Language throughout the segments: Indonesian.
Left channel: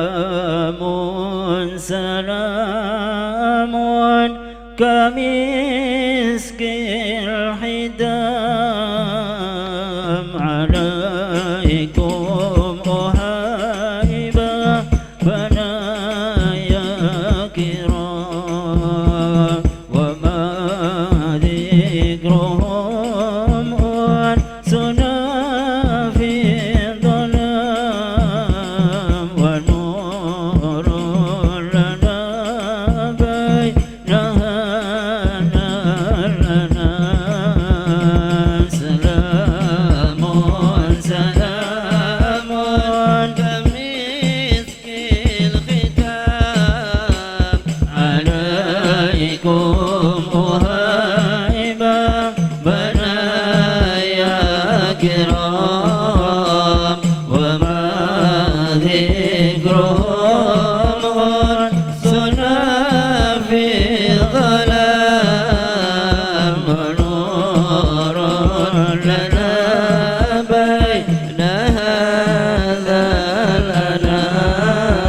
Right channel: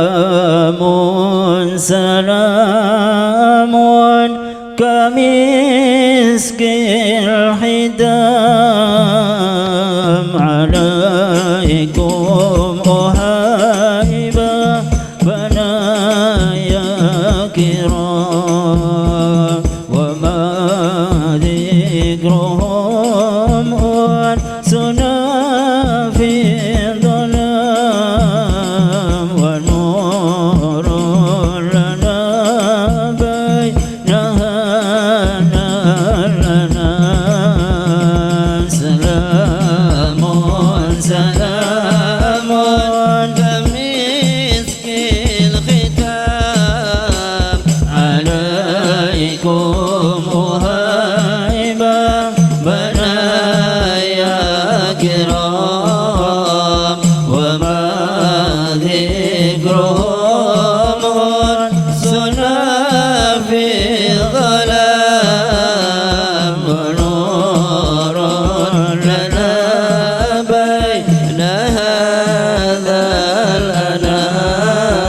سلام سلام كمسك الحدام عليكم أهيبا بنايا كرام وما ذكرهم أنسنا في الظلام والنور لنا بينها لنا سلام سلام كمسك الختام عليكم أهيبا منايا كرام وما ذكرهم أنسنا في الظلام ونور لنا بين هذا الأنام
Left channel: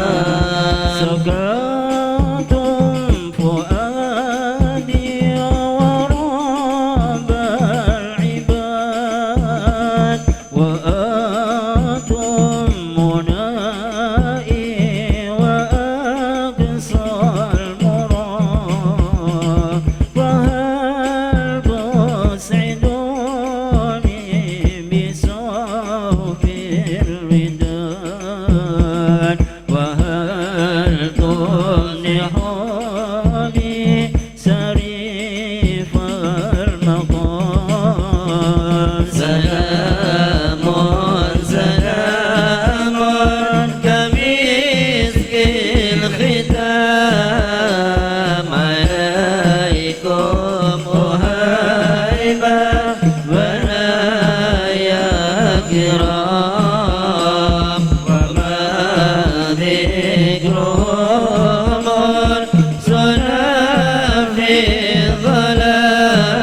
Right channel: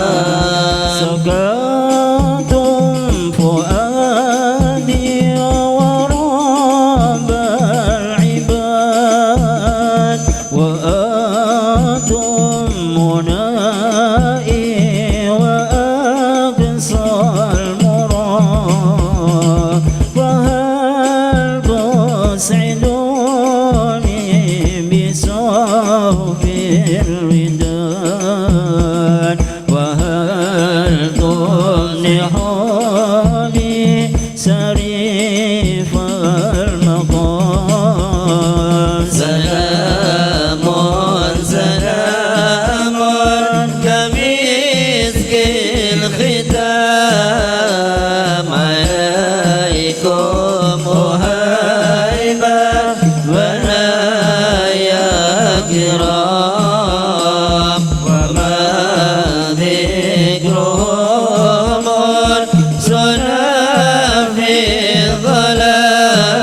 سكنتم فؤادي ورب العباد وأنتم منائي وأقصى المراد فهل تسعدوني بصوف الوداد وهل تمنحوني سريف المقام سلام سلام كمسك الختام عليكم أهيبا منايا كرام وما ذكرهم أنسنا في الظلام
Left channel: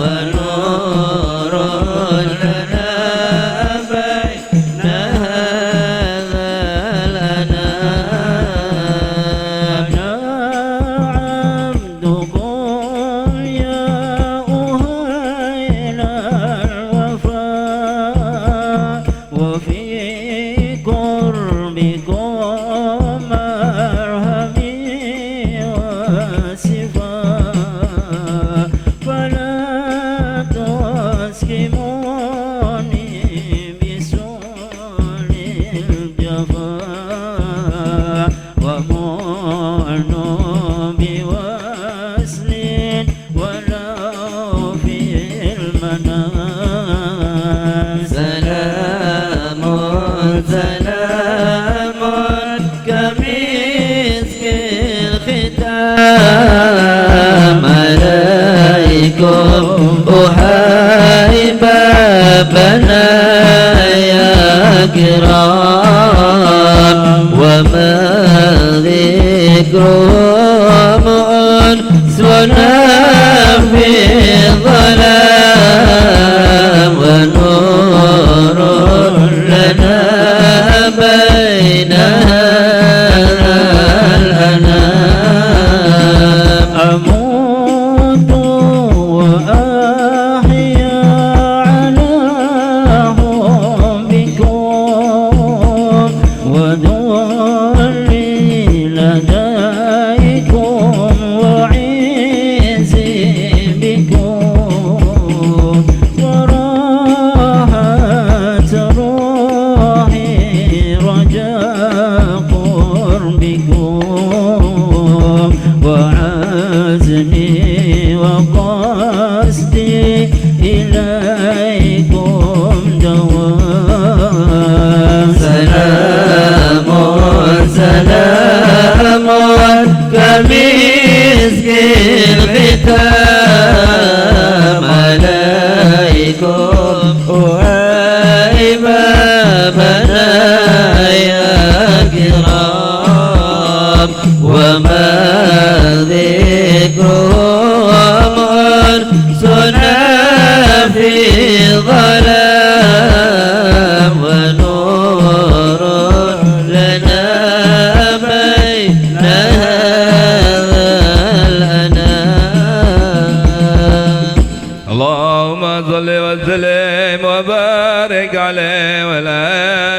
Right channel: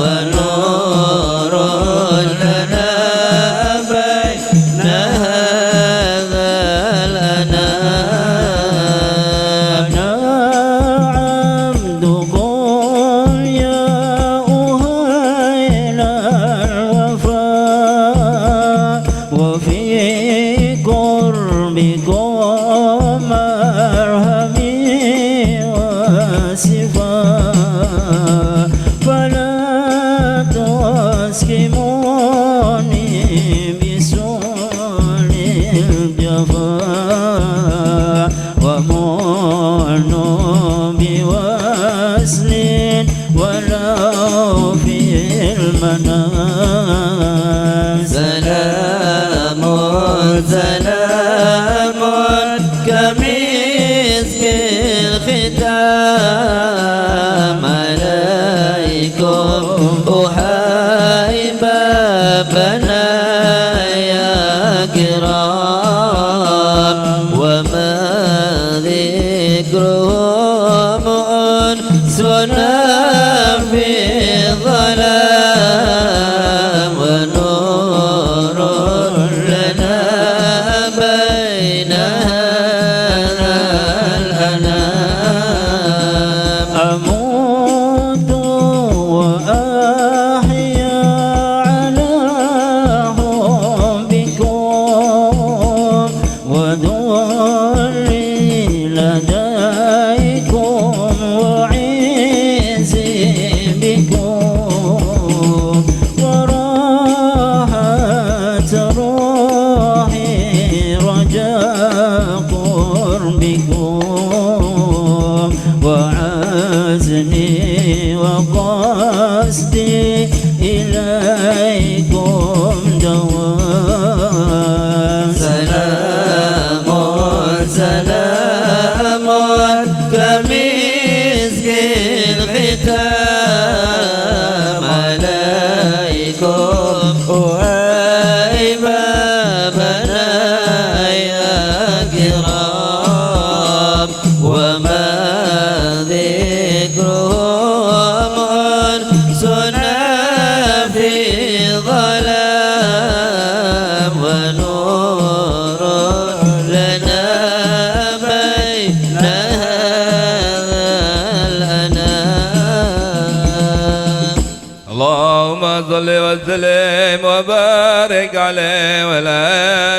ونور لنا بين هذا الأنام أنا عبدكم يا أهيل الوفاء وفي قربكم مرهمي وصفاء فلا تسكموني بسوء الجفاء ومنوا بوصل ولو في المنام سلام سلام كمسك الختام عليكم أهيبا بنايا كرام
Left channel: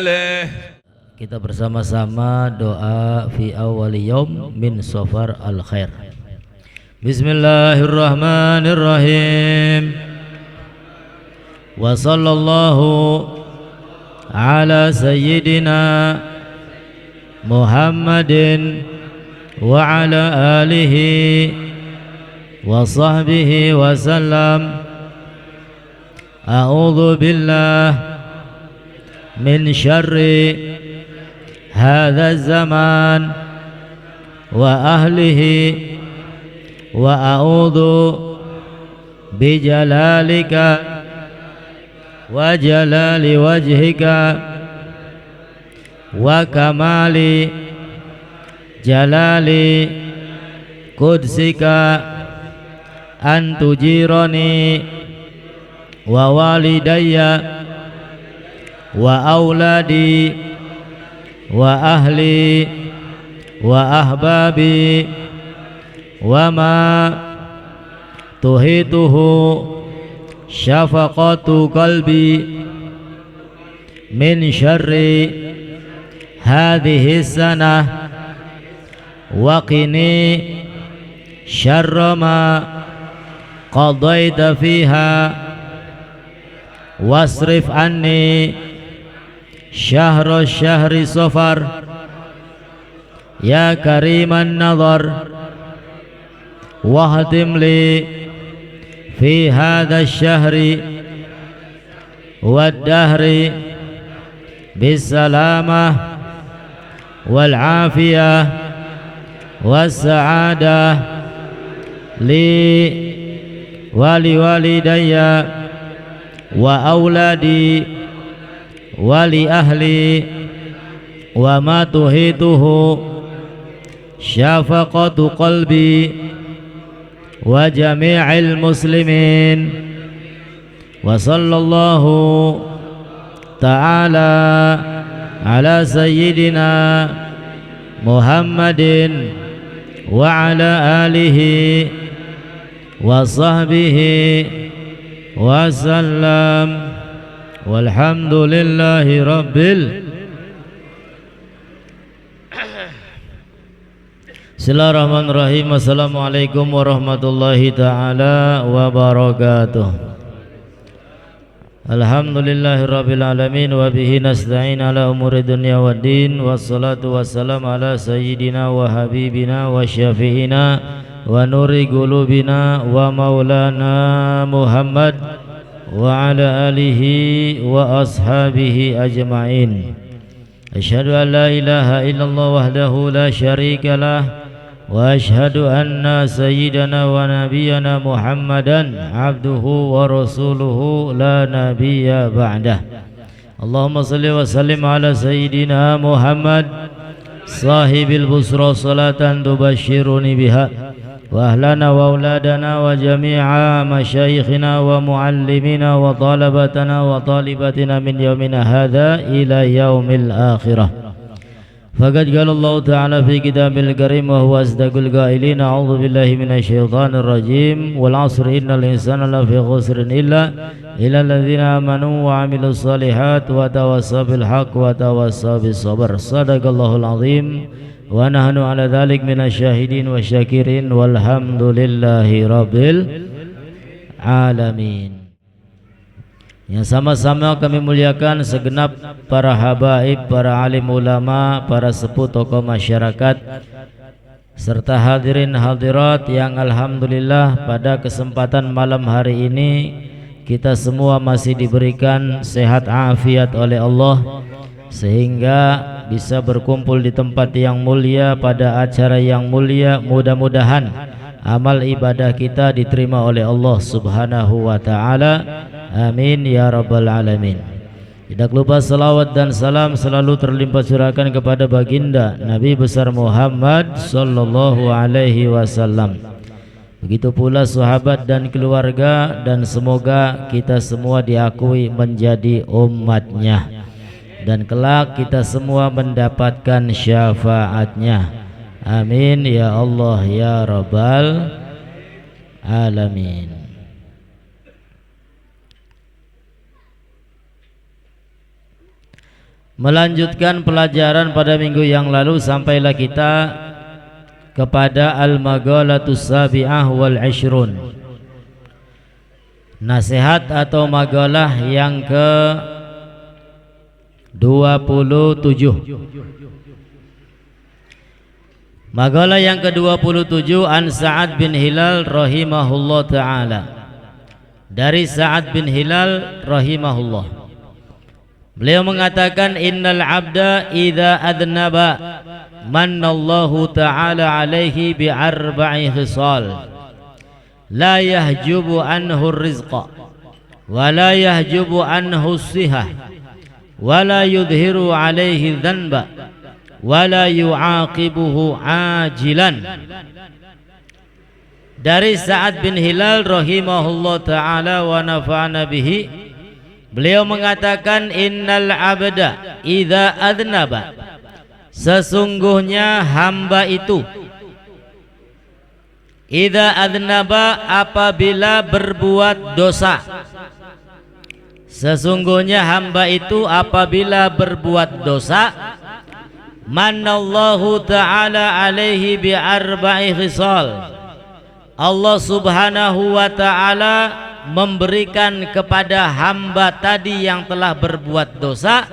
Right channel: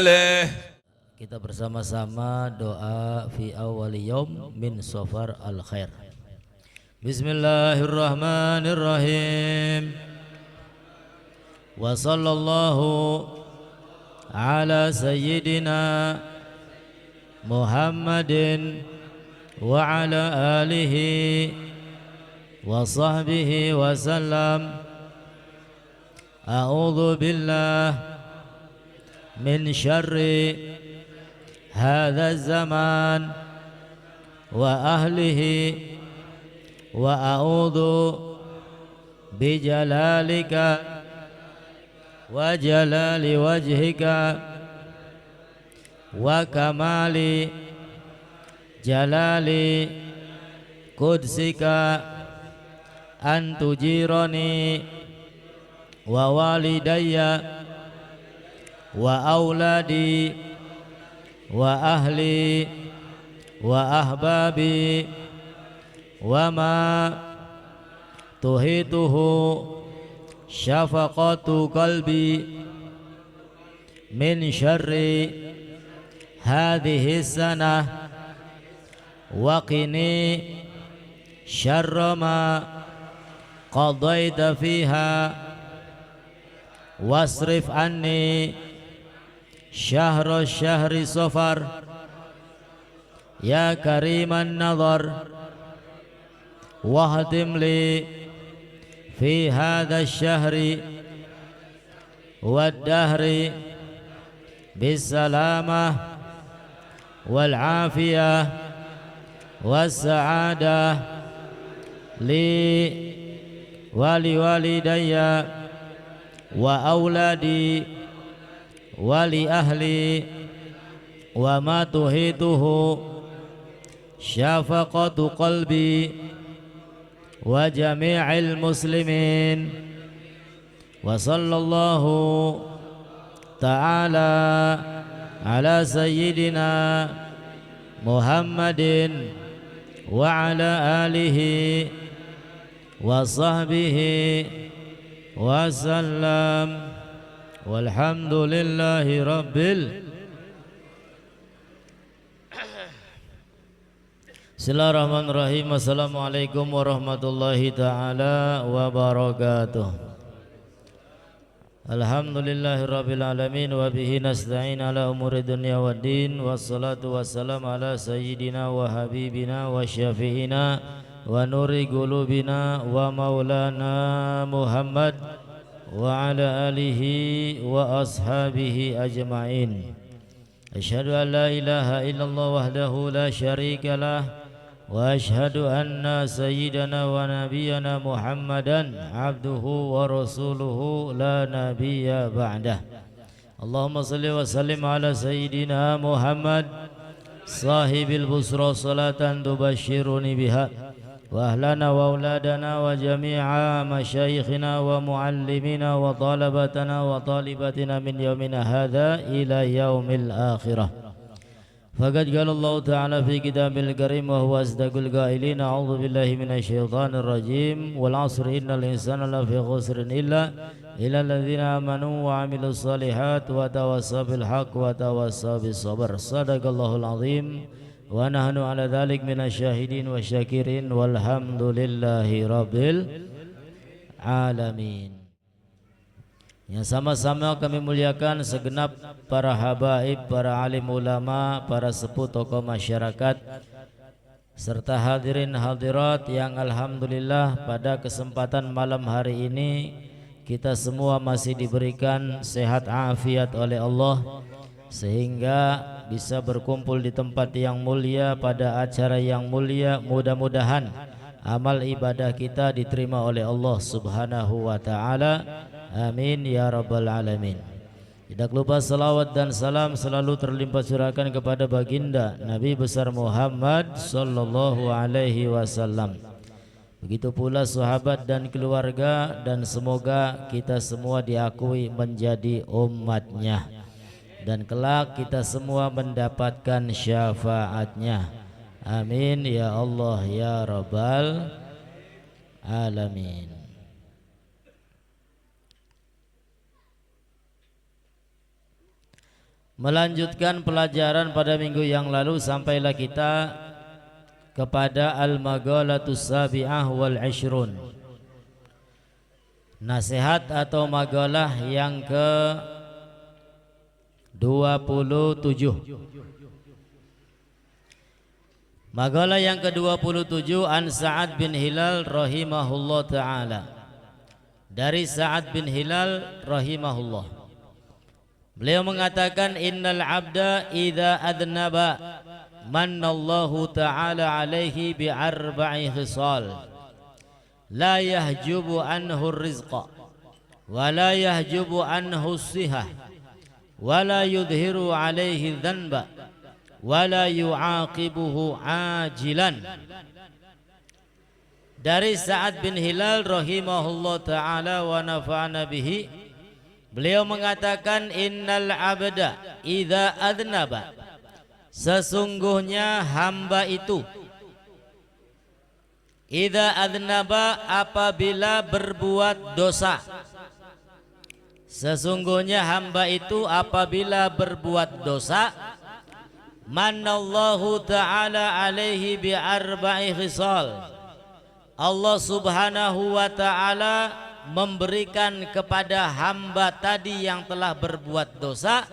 آله. Kita bersama-sama doa fi awwali yaum min safar al khair. Bismillahirrahmanirrahim. Wa sallallahu ala sayyidina Muhammadin wa ala alihi wa sahbihi wa sallam. A'udzu billah min syarri هذا الزمان وأهله وأعوذ بجلالك وجلال وجهك وكمال جلال قدسك أن تجيرني ووالدي وأولادي wa ahli wa ahbabi wa ma tuhituhu syafaqatu qalbi min syarri hadhihi sanah wa qini syarra ma qadaita fiha wasrif anni syahr syahri safar ya kariman nazar wahdim li fi hadha syahri wad dahri bis salamah wal afiyah was sa'adah li wali walidayya wa auladi wali ahli wa ma tuhituhu syafaqatu qalbi wa jami'il muslimin wa sallallahu ta'ala ala sayyidina Muhammadin wa ala alihi wa sahbihi wa sallam. Walhamdulillahi rabbil. Bismillahirrahmanirrahim. Assalamualaikum warahmatullahi ta'ala wabarakatuh. Alhamdulillahi rabbil alamin. Wa bihi nasta'in ala umuri dunya waddin. Wassalatu wassalam ala sayyidina wa habibina wa syafi'ina wa nuri qulubina wa maulana Muhammad wa ala alihi wa ashabihi ajma'in. Asyhadu an la ilaha illallah wahdahu la syarika lah wa asyhadu anna sayyidana wa nabiyyana Muhammadan abduhu wa rasuluhu la nabiyya ba'dah. Allahumma salli wa sallim ala sayyidina Muhammad sahibil busra salatan tubashshiruni biha wa ahlana wa auladana wa jami'a masyayikhina wa muallimina wa talabatana wa talibatina min yaumina hadha ila yaumil akhirah. Faqad qala Allah ta'ala fi kitabil karim wa huwa asdaqul qailin. A'udzu billahi minasy syaithanir rajim. Wal 'asri innal insana lafi khusrin illa alladzina amanu wa 'amilus shalihat wa tawassaw bil haqq wa tawassaw bis sabr. Shadaqallahul 'azim. Wa nahnu ala dhalik minasyahidin wa syakirin walhamdulillahi rabbil alamin. Yang sama-sama kami muliakan segenap para habaib, para alim ulama, para sepuh tokoh masyarakat, serta hadirin hadirat yang alhamdulillah pada kesempatan malam hari ini kita semua masih diberikan sehat afiat oleh Allah, sehingga bisa berkumpul di tempat yang mulia pada acara yang mulia. Mudah-mudahan amal ibadah kita diterima oleh Allah Subhanahu wa ta'ala. Amin ya rabbal alamin. Tidak lupa salawat dan salam selalu terlimpah curahkan kepada baginda Nabi besar Muhammad sallallahu alaihi wasallam. Begitu pula sahabat dan keluarga, dan semoga kita semua diakui menjadi umatnya dan kelak kita semua mendapatkan syafaatnya. Amin ya Allah ya rabbal alamin. melanjutkan pelajaran pada minggu yang lalu, sampailah kita kepada al-magalatus sabi'ah wal 'ishrun, nasihat atau magalah yang ke 27. Magalah yang ke-27 an Sa'ad bin Hilal rahimahullah ta'ala, dari Sa'ad bin Hilal rahimahullah. Beliau mengatakan, innal abda idza adnaba mannallahu ta'ala alaihi bi arba'i khisal la yahjubu anhu rizqa wa la yahjubu anhu sihah wa la yudhiru alaihi dhanba wa la yu'aqibuhu ajilan. Dari Sa'ad bin Hilal rahimahullah ta'ala wa nafa'ana bihi, beliau mengatakan, innal abda idza adnaba, sesungguhnya hamba itu, idza adnaba, apabila berbuat dosa, sesungguhnya hamba itu apabila berbuat dosa, manallahu ta'ala alaihi bi arba'i khisal, Allah subhanahu wa ta'ala memberikan kepada hamba tadi yang telah berbuat dosa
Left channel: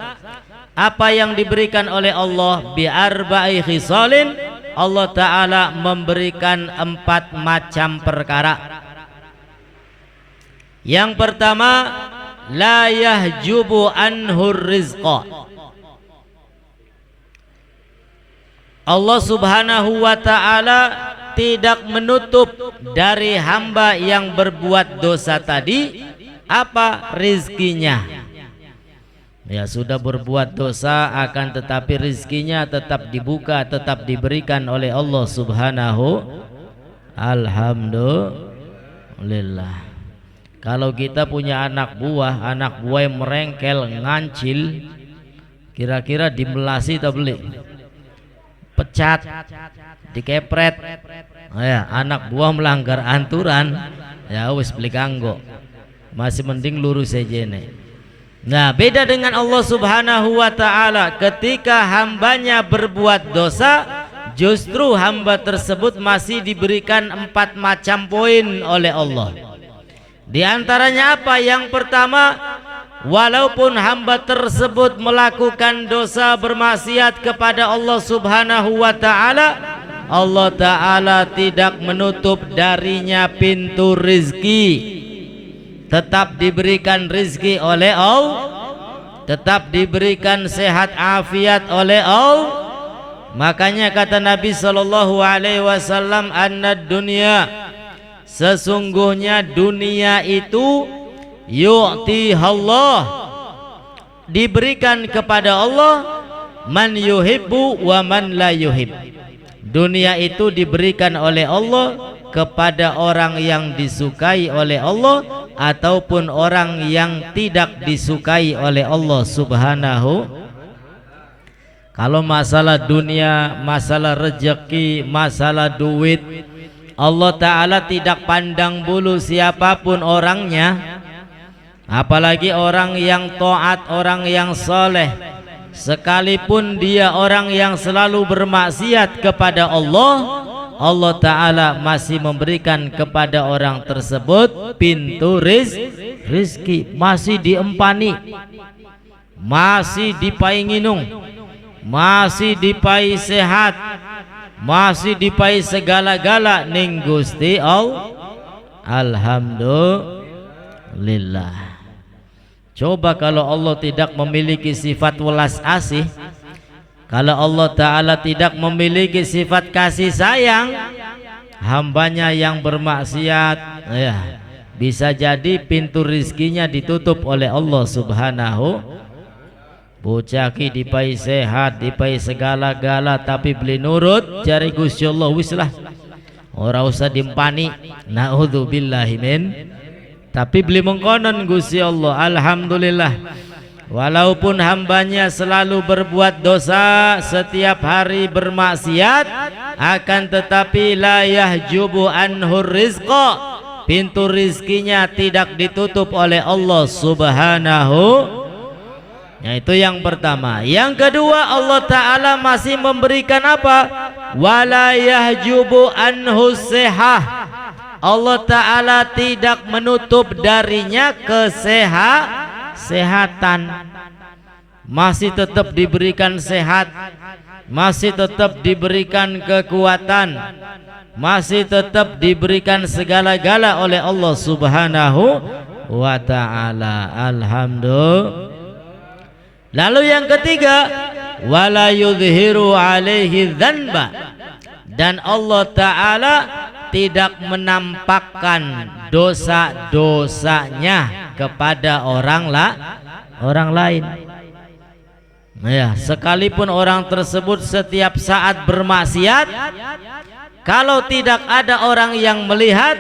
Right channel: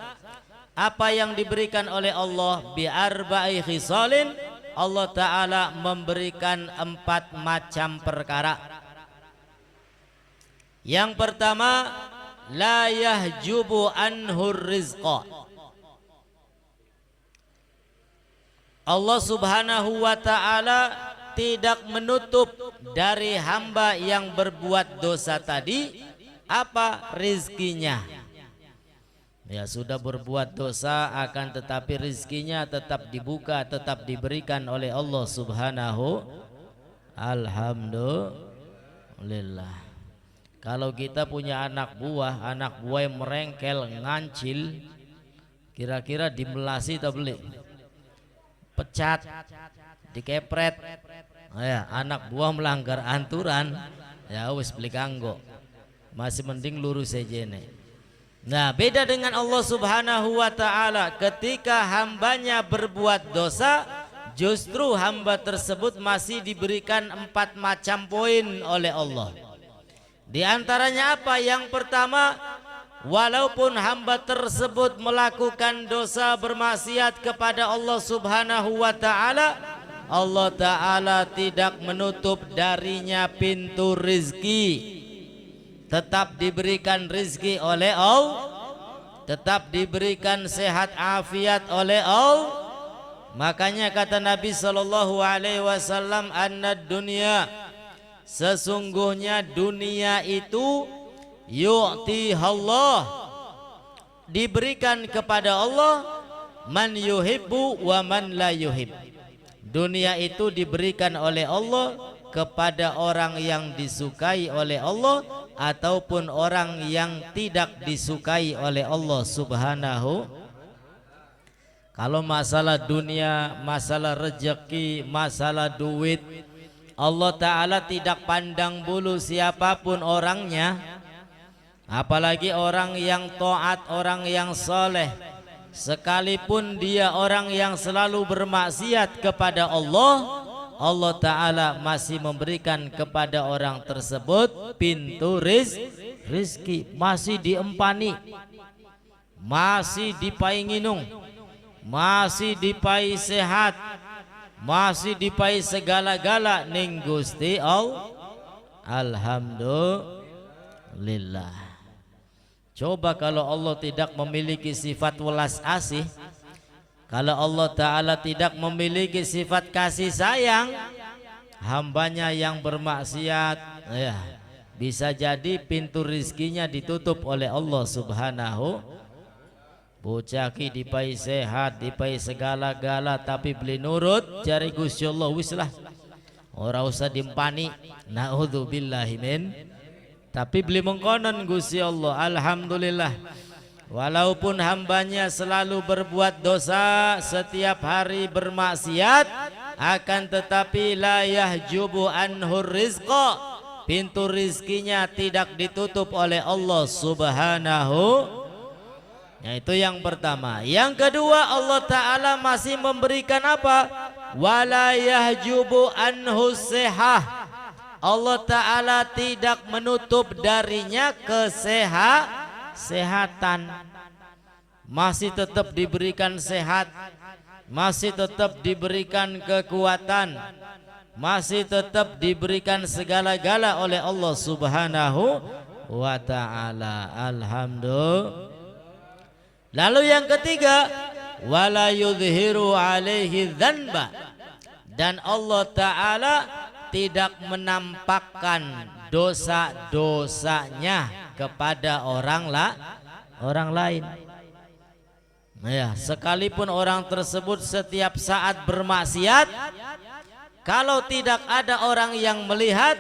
apa yang diberikan oleh Allah, bi arba'i khisalin, Allah ta'ala memberikan 4 macam perkara. Yang pertama, la yahjubu anhur rizqa, Allah subhanahu wa ta'ala tidak menutup dari hamba yang berbuat dosa tadi apa? Rizkinya. Ya, sudah berbuat dosa akan tetapi rizkinya tetap dibuka, tetap diberikan oleh Allah subhanahu. Alhamdulillah. Kalau kita punya anak buah yang merengkel, ngancil, kira-kira dimelasi atau beli? Pecat, dikepret, ya, anak buah melanggar aturan, ya wis beli kanggo, masih mending lurus saja nih. Nah, beda dengan Allah subhanahu wa ta'ala, ketika hambanya berbuat dosa, justru hamba tersebut masih diberikan 4 macam poin oleh Allah. Di antaranya apa? Yang pertama, walaupun hamba tersebut melakukan dosa bermaksiat kepada Allah subhanahu wa ta'ala, Allah ta'ala tidak menutup darinya pintu rizki, tetap diberikan rizki oleh Allah, tetap diberikan sehat afiat oleh Allah. Makanya kata Nabi SAW, annad dunya, sesungguhnya dunia itu yu'tihallah, diberikan kepada Allah, man yuhibbu wa man la yuhib. Dunia itu diberikan oleh Allah kepada orang yang disukai oleh Allah ataupun orang yang tidak disukai oleh Allah subhanahu. Kalau masalah dunia, masalah rezeki, masalah duit, Allah ta'ala tidak pandang bulu siapapun orangnya. Apalagi orang yang taat, orang yang soleh, sekalipun dia orang yang selalu bermaksiat kepada Allah, Allah ta'ala masih memberikan kepada orang tersebut pintu rizki, masih diempani, masih dipai nginung, masih dipai sehat, masih dipai segala-gala ning Gusti Allah. Alhamdulillah. Coba kalau Allah tidak memiliki sifat welas asih, kalau Allah ta'ala tidak memiliki sifat kasih sayang, hambanya yang bermaksiat, ya, bisa jadi pintu rizkinya ditutup oleh Allah subhanahu. Bocaki dipai sehat, dipai segala-gala, tapi beli nurut jari Gusti Allah, wislah ora usah dimpani, naudzubillahi min. Tapi beli mengkonon Gusti Allah. Alhamdulillah, walaupun hambanya selalu berbuat dosa, setiap hari bermaksiat, akan tetapi la yahjubu anhur rizqa, pintu rizkinya tidak ditutup oleh Allah subhanahu Yaitu yang pertama. Yang kedua, Allah Ta'ala masih memberikan apa? Wala yahjubu anhu sihah. Allah Ta'ala tidak menutup darinya kesehatan. Masih tetap diberikan sehat, masih tetap diberikan kekuatan, masih tetap diberikan segala-gala oleh Allah Subhanahu wa Ta'ala. Alhamdulillah. Lalu yang ketiga, wala yudhiru alaihi dzanba, dan Allah Ta'ala tidak menampakkan dosa-dosanya kepada orang lain. Ya, sekalipun orang tersebut setiap saat bermaksiat, kalau tidak ada orang yang melihat,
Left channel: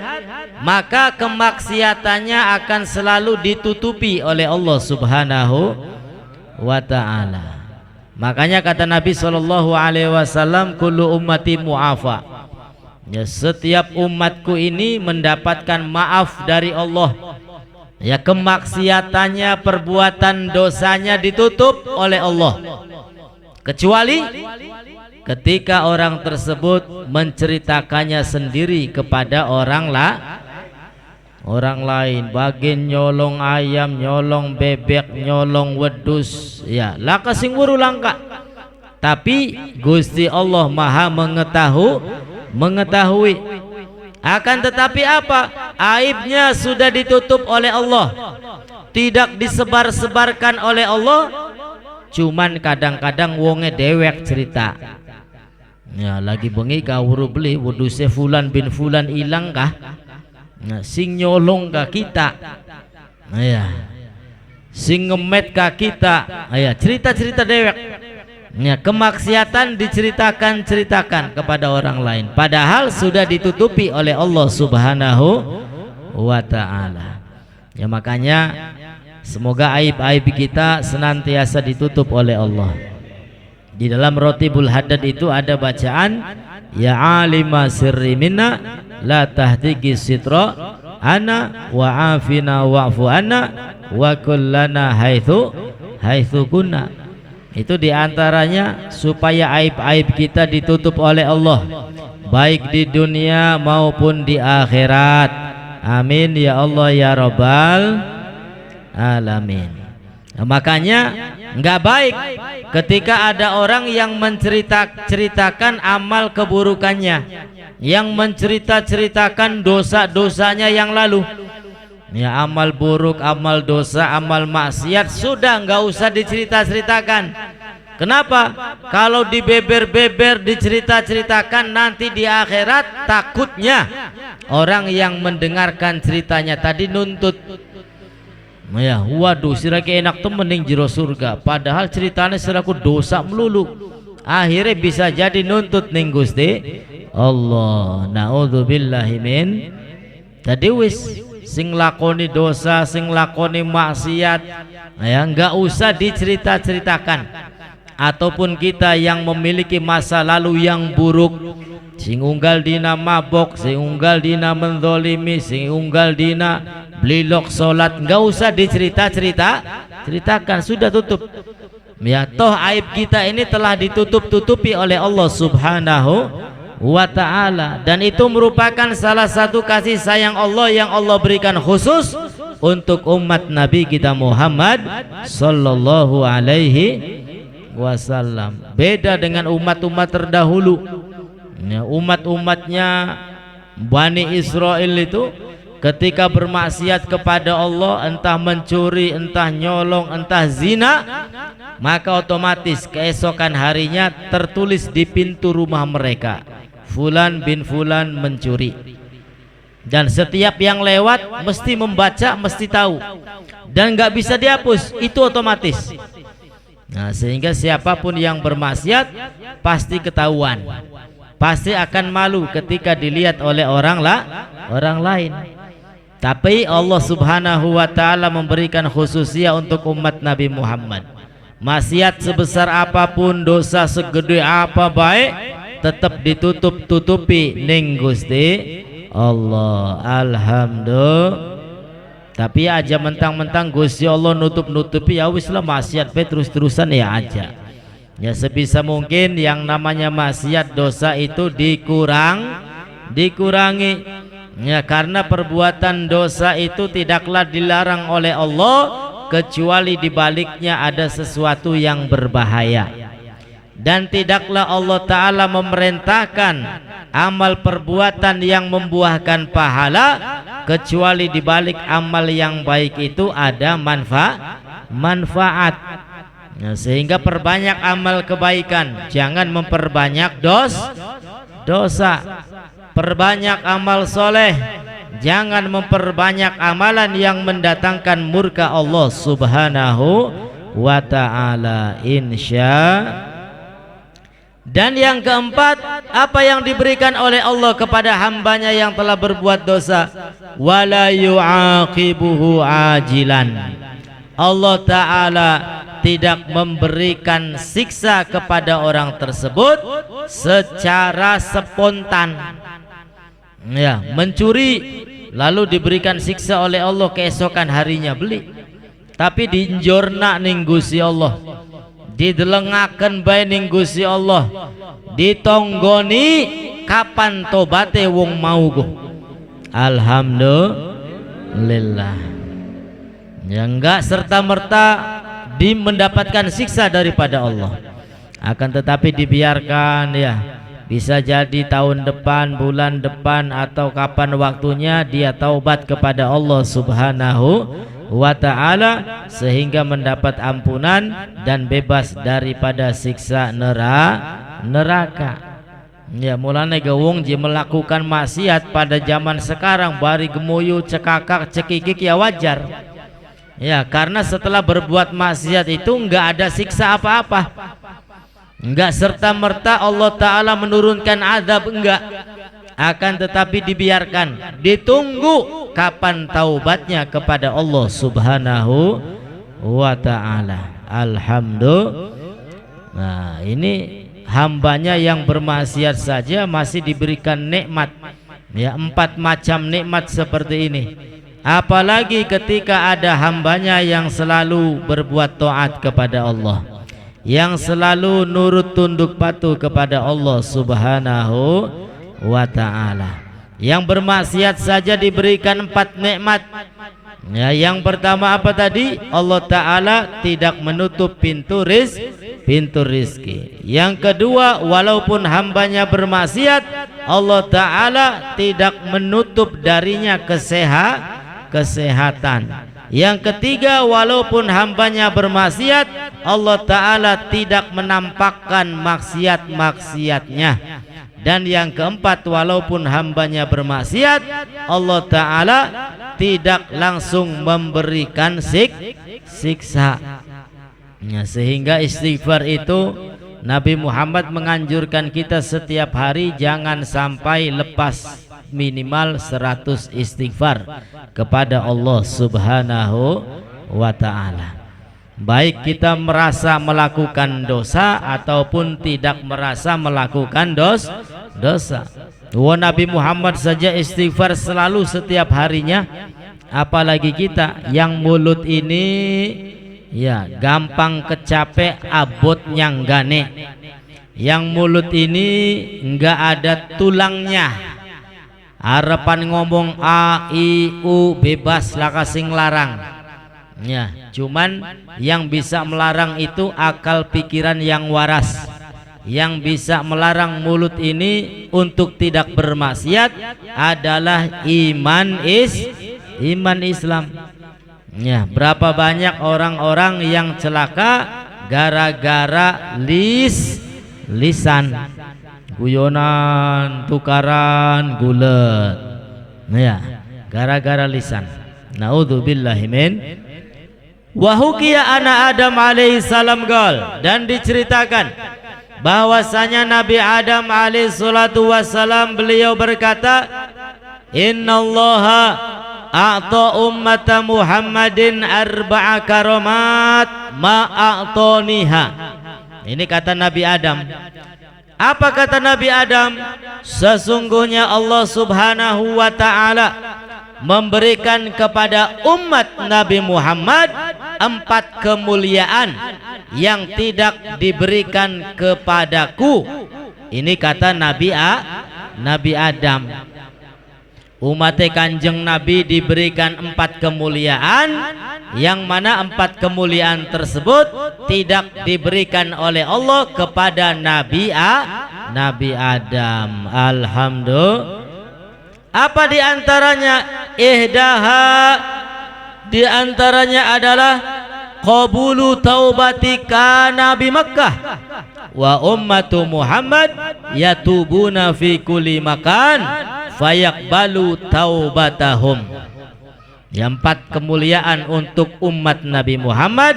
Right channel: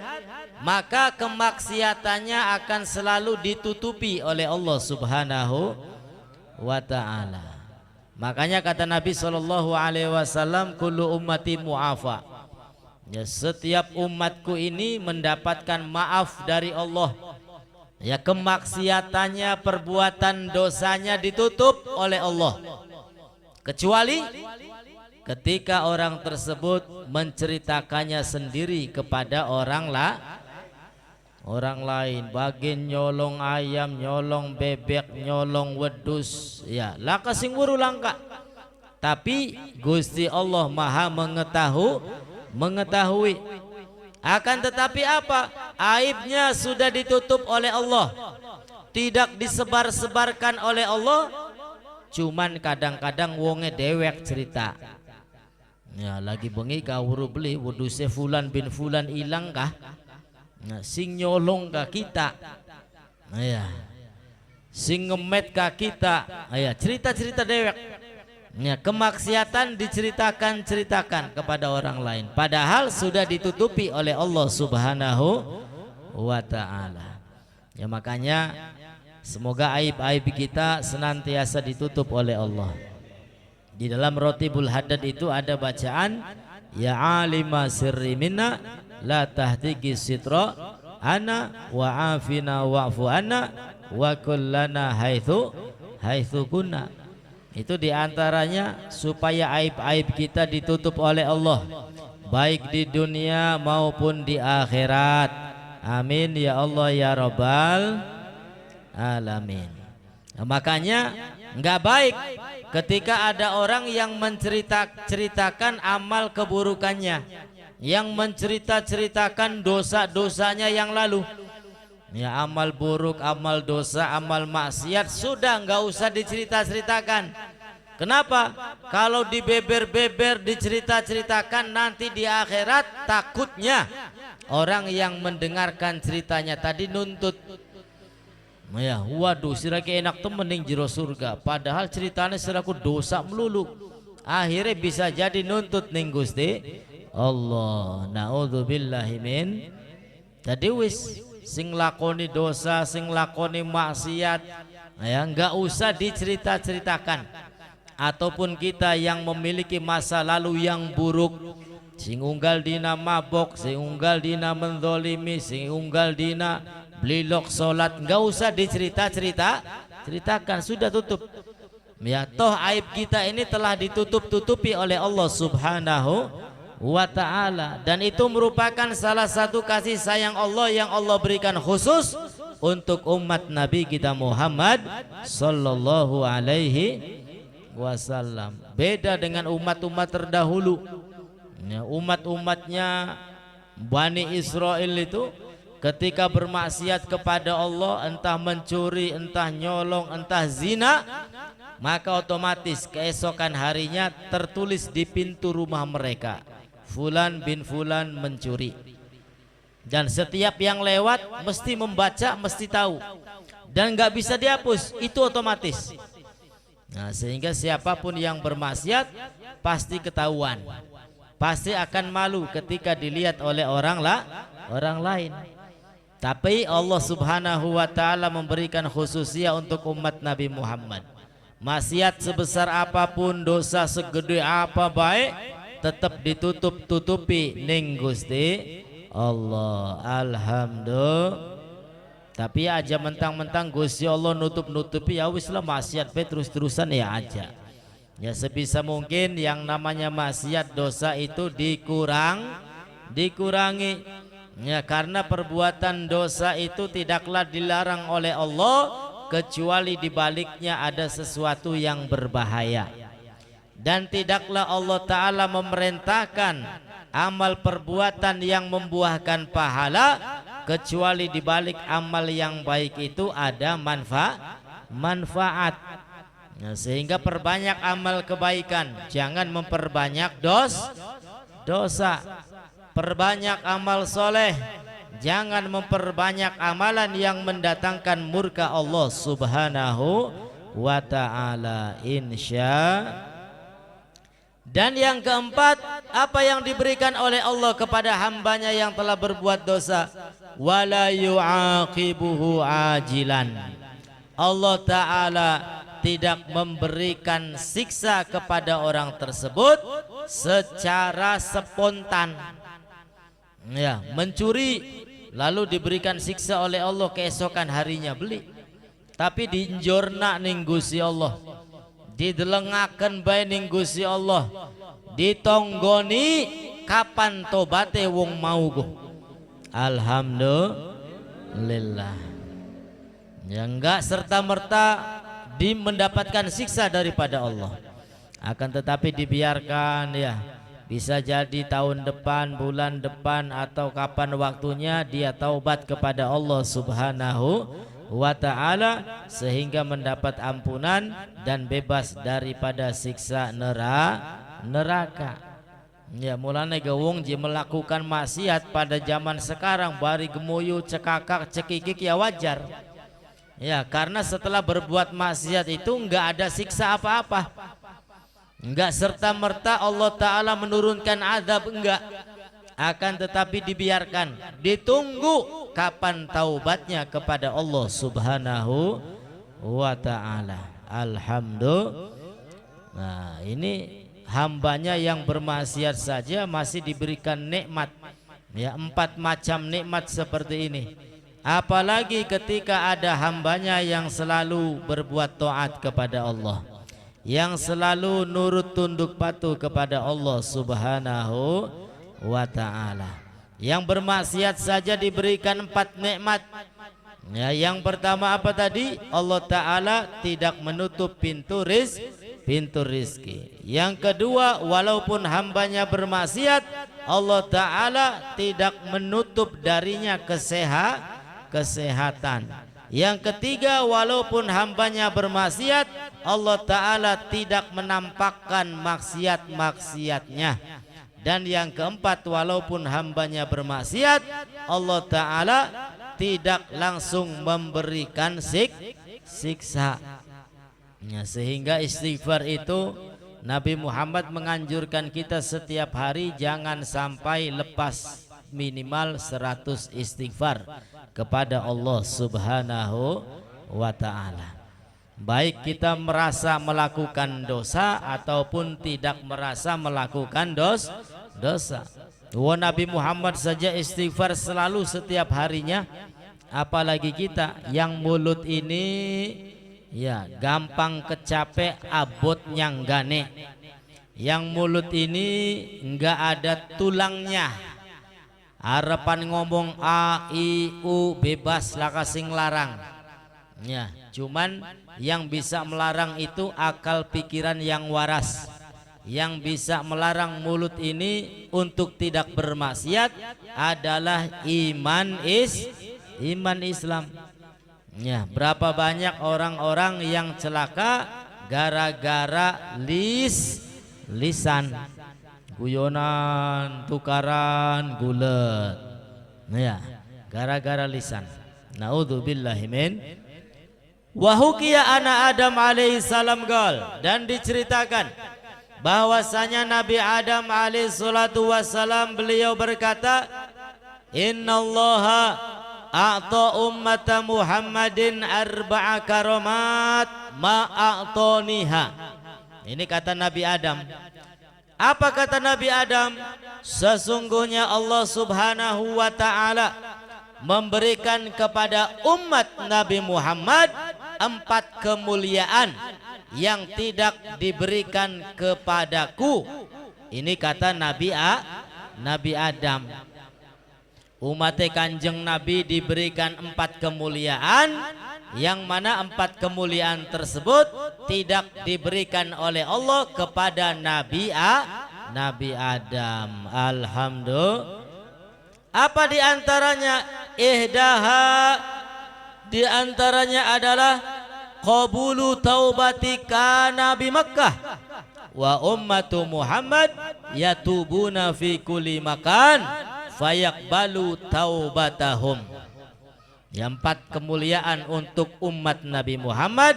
maka kemaksiatannya akan selalu ditutupi oleh Allah Subhanahu wa Ta'ala. Makanya kata Nabi SAW, kullu ummati mu'afa. Ya, setiap umatku ini mendapatkan maaf dari Allah. Ya, kemaksiatannya, perbuatan dosanya ditutup oleh Allah, kecuali ketika orang tersebut menceritakannya sendiri kepada orang lain, bagian nyolong ayam, nyolong bebek, nyolong wedus, ya laka sing wuru langka. Tapi Gusti Allah Maha mengetahui. Akan tetapi apa? Aibnya sudah ditutup oleh Allah, tidak disebar-sebarkan oleh Allah. Cuman kadang-kadang wonge dewek cerita, ya lagi bengi kawuru beli weduse fulan bin fulan ilang kah? Nah, sing nyolong ka kita, ya, sing ngemet ka kita, ya, cerita-cerita dewek. Ya, kemaksiatan diceritakan kepada orang lain, padahal sudah ditutupi oleh Allah Subhanahu wa Ta'ala. Ya, makanya semoga aib-aib kita senantiasa ditutup oleh Allah. Di dalam Rotibul Haddad itu ada bacaan, ya alima sirri minna la tahtiki sitra ana wa afina wa'fu anna wa kullana haitsu kunna. Itu diantaranya supaya aib-aib kita ditutup oleh Allah, baik di dunia maupun di akhirat. Amin ya Allah ya Rabbal alamin. Nah, makanya enggak baik ketika ada orang yang menceritakan amal keburukannya, yang menceritakan dosa-dosanya yang lalu. Ya, amal buruk, amal dosa, amal maksiat sudah enggak usah diceritakan. Kenapa? Kalau dibeber-beber, diceritakan nanti di akhirat, takutnya orang yang mendengarkan ceritanya tadi nuntut. Ya, waduh, sirake enak tuh mending jero surga, padahal ceritanya siraku dosa melulu. Akhirnya bisa jadi nuntut ning Gusti Allah. Naudzubillahi min. Tadi wis sing lakoni dosa, sing lakoni maksiat, ya enggak usah diceritakan. Ataupun kita yang memiliki masa lalu yang buruk, sing unggal dina mabok, sing unggal dina menzolimi, sing unggal dina blilok salat, enggak usah ceritakan, sudah tutup. Ya, toh aib kita ini telah ditutupi oleh Allah Subhanahu wa Ta'ala, dan itu merupakan salah satu kasih sayang Allah yang Allah berikan khusus untuk umat Nabi kita Muhammad sallallahu alaihi wasallam. Beda dengan umat-umat terdahulu, ya, umat-umatnya Bani Israel itu ketika bermaksiat kepada Allah, entah mencuri, entah nyolong, entah zina, maka otomatis keesokan harinya tertulis di pintu rumah mereka, Fulan bin Fulan mencuri. Dan setiap yang lewat mesti membaca, mesti tahu, dan nggak bisa dihapus, itu otomatis. Nah, sehingga siapapun yang bermaksiat pasti ketahuan, pasti akan malu ketika dilihat oleh orang lain. Tapi Allah Subhanahu wa Ta'ala memberikan khususia untuk umat Nabi Muhammad. Maksiat sebesar apapun, dosa segede apa baik, tetap ditutupi ning Gusti Allah. Alhamdulillah. Tapi aja mentang-mentang Gusti Allah nutup-nutupi, ya wis lah maksiat pe terus-terusan ya aja. Ya sebisa mungkin yang namanya maksiat dosa itu dikurangi. Ya karena perbuatan dosa itu tidaklah dilarang oleh Allah kecuali di baliknya ada sesuatu yang berbahaya. Dan tidaklah Allah Ta'ala memerintahkan amal perbuatan yang membuahkan pahala kecuali di balik amal yang baik itu ada manfaat. Nah, sehingga perbanyak amal kebaikan, jangan memperbanyak dosa. Perbanyak amal soleh, jangan memperbanyak amalan yang mendatangkan murka Allah Subhanahu wa Ta'ala. Dan yang keempat, apa yang diberikan oleh Allah kepada hambanya yang telah berbuat dosa, wala yu'aqibuhu ajilan. Allah Ta'ala tidak memberikan siksa kepada orang tersebut secara spontan. Ya, mencuri lalu diberikan siksa oleh Allah keesokan harinya beli. Tapi diinjorna ning Gusti Allah, didelengaken bae ning Gusti Allah, ditonggoni kapan tobate wong mau go. Alhamdulillah. Ya enggak serta-merta mendapatkan siksa daripada Allah. Akan tetapi dibiarkan, ya bisa jadi tahun depan, bulan depan, atau kapan waktunya dia taubat kepada Allah Subhanahu wa Ta'ala sehingga mendapat ampunan dan bebas daripada siksa neraka. Ya mulane gawung je melakukan maksiat pada zaman sekarang bari gemuyu cekakak cekikik ya wajar. Ya karena setelah berbuat maksiat itu enggak ada siksa apa-apa, enggak serta-merta Allah Ta'ala menurunkan azab, enggak. Akan tetapi dibiarkan, ditunggu kapan taubatnya kepada Allah Subhanahu wa Ta'ala. Alhamdulillah. Nah ini hambanya yang bermaksiat saja masih diberikan nikmat, ya 4 macam nikmat seperti ini. Apalagi ketika ada hambanya yang selalu berbuat taat kepada Allah, yang selalu nurut tunduk patuh kepada Allah Subhanahu wa Ta'ala. Yang bermaksiat saja diberikan 4 nikmat. Ya, yang pertama apa tadi? Allah Ta'ala tidak menutup pintu rizki. Yang kedua, walaupun hambanya bermaksiat, Allah Ta'ala tidak menutup darinya kesehatan. Yang ketiga, walaupun hambanya bermaksiat, Allah Ta'ala tidak menampakkan maksiat-maksiatnya. Dan yang keempat, walaupun hambanya bermaksiat, Allah Ta'ala tidak langsung memberikan siksa. Ya, sehingga istighfar itu Nabi Muhammad menganjurkan kita setiap hari jangan sampai lepas minimal 100 istighfar kepada Allah Subhanahu wa Ta'ala. Baik kita merasa melakukan dosa ataupun tidak merasa melakukan dosa. Nabi Muhammad saja istighfar selalu setiap harinya, apalagi kita yang mulut ini ya gampang kecapek abot nyanggane, yang mulut ini enggak ada tulangnya, harapan ngomong a i u bebas lah kasing larang. Ya, cuman yang bisa melarang itu akal pikiran yang waras. Yang bisa melarang mulut ini untuk tidak bermaksiat adalah iman Islam. Ya, berapa banyak orang-orang yang celaka gara-gara lisan, guyonan, tukaran, gulet. Ya, gara-gara lisan. Naudzubillahi min. Wa hukiya ana Adam alaihi salam qol, dan diceritakan bahwasanya Nabi Adam alaihi salatu wassalam beliau berkata, innallaha a'ta ummata Muhammadin arba'a karamat ma a'taniha. Ini kata Nabi Adam. Apa kata Nabi Adam? Sesungguhnya Allah Subhanahu wa Ta'ala memberikan kepada umat Nabi Muhammad 4 kemuliaan yang tidak diberikan kepadaku. Ini kata Nabi Adam. Umat Kanjeng Nabi diberikan 4 kemuliaan, yang mana 4 kemuliaan tersebut tidak diberikan oleh Allah kepada Nabi Adam. Alhamdulillah. Apa diantaranya? Ihdaha, diantaranya adalah qabulu taubatika Nabi Makkah wa ummatu Muhammad yatubuna fi kulli makan fayaqbalu taubatahum. Yang 4 kemuliaan untuk umat Nabi Muhammad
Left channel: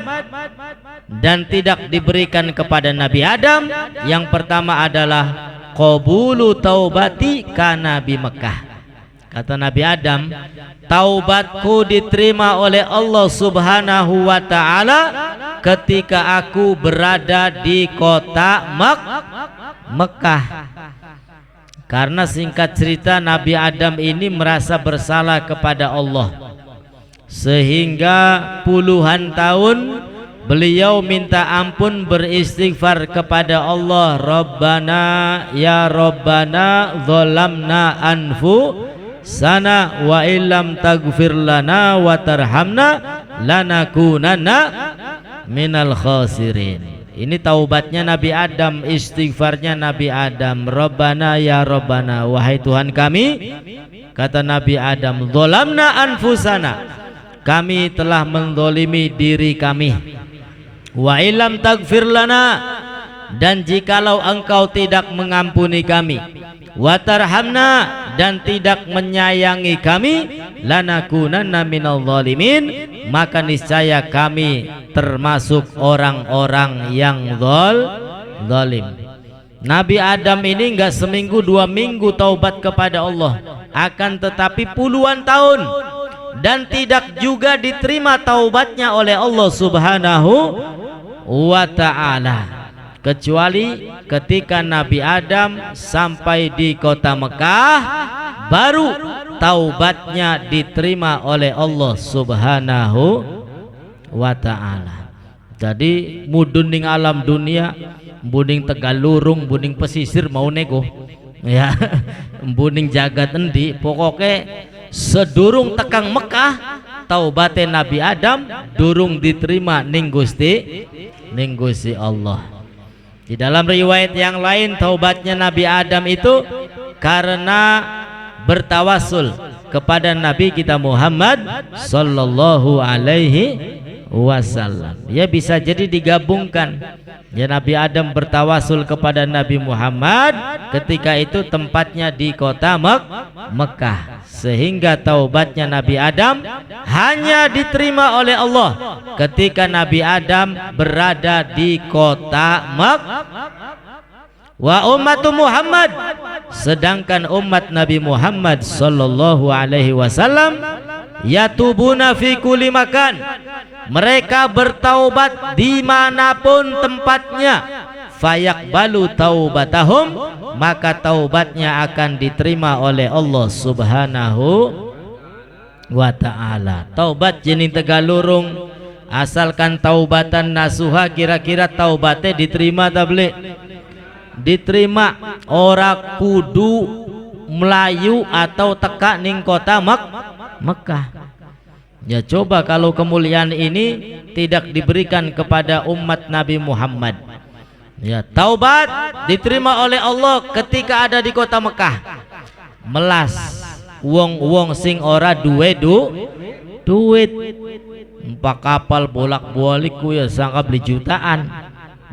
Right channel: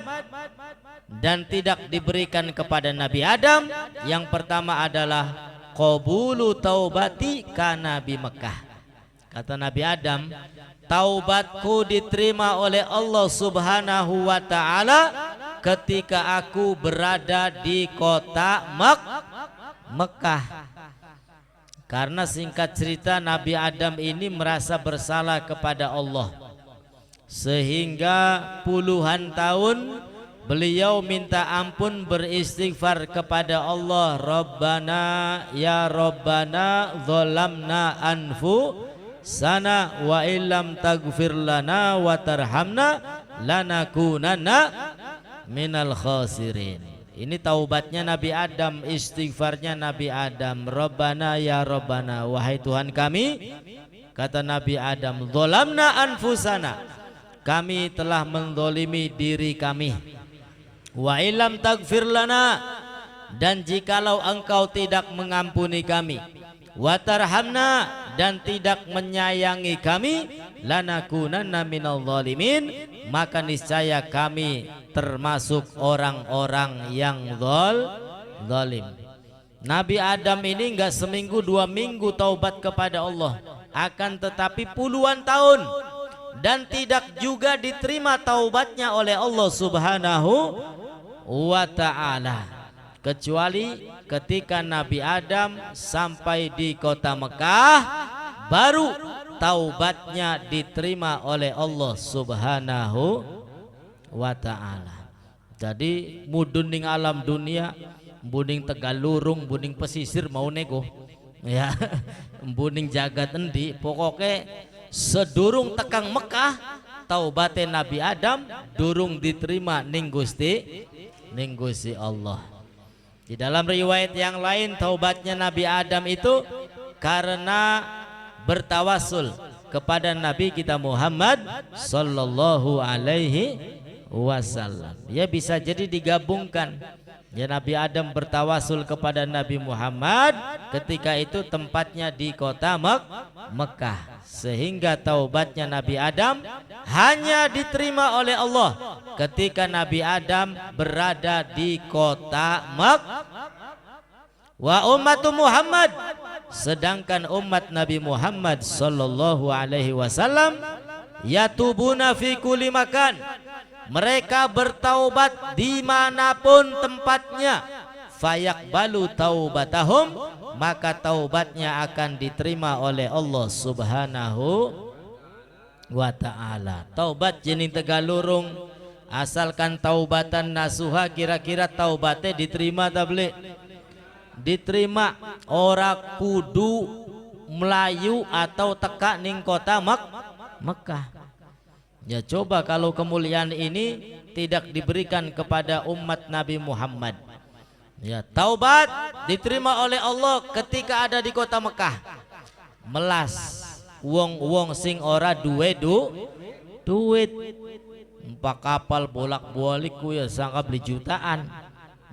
dan tidak diberikan kepada Nabi Adam. Yang pertama adalah qabulu taubati ka Nabi Makkah. Kata Nabi Adam, taubatku diterima oleh Allah Subhanahu wa ta'ala ketika aku berada di kota Mekah. Karena singkat cerita Nabi Adam ini merasa bersalah kepada Allah, sehingga puluhan tahun beliau minta ampun, beristighfar kepada Allah. Rabbana ya Rabbana zalamna anfusana wa illam taghfir lana wa tarhamna lanakunanna minal khasirin. Ini taubatnya Nabi Adam, istighfarnya Nabi Adam. Rabbana ya Rabbana, wahai Tuhan kami, kata Nabi Adam, zalamna anfusana, kami telah menzalimi diri kami. Wa illam taghfir lana, dan jikalau engkau tidak mengampuni kami, wa tarhamna, dan tidak menyayangi kami, lanakunanna minal zalimin, maka niscaya kami termasuk orang-orang yang zalim. Nabi Adam ini enggak seminggu 2 minggu taubat kepada Allah, akan tetapi puluhan tahun, dan tidak juga diterima taubatnya oleh Allah Subhanahu wa ta'ala, kecuali ketika Nabi Adam sampai di kota Mekah, baru taubatnya diterima oleh Allah Subhanahu wa ta'ala. Jadi muduning alam dunia, buning Tegalurung, buning pesisir mau nego ya, buning jagat endi, pokoknya sedurung tekang Mekah taubate Nabi Adam durung diterima ning Gusti Allah. Di dalam riwayat yang lain, taubatnya Nabi Adam itu karena bertawasul kepada Nabi kita Muhammad sallallahu alaihi wasallam. Ya, bisa jadi digabungkan. Ya, Nabi Adam bertawasul kepada Nabi Muhammad, ketika itu tempatnya di kota Mekah, sehingga taubatnya Nabi Adam hanya diterima oleh Allah ketika Nabi Adam berada di kota Mekah. Wa ummatu Muhammad, sedangkan umat Nabi Muhammad sallallahu alaihi wasallam yatubuna fi kulli makan, mereka bertaubat dimanapun tempatnya. Fayaqbalu taubatahum, maka taubatnya akan diterima oleh Allah Subhanahu wa ta'ala. Taubat jenis Tegalurung, asalkan taubatan nasuha, kira-kira taubatnya diterima tablik? Diterima. Ora kudu Melayu atau teka ning kota Mekah. Ya, coba kalau kemuliaan ini tidak diberikan kepada umat Nabi Muhammad. Ya, taubat diterima oleh Allah ketika ada di kota Mekah. Melas wong-wong sing ora duwe duit. Empat kapal bolak-balik ku ya sangka beli jutaan.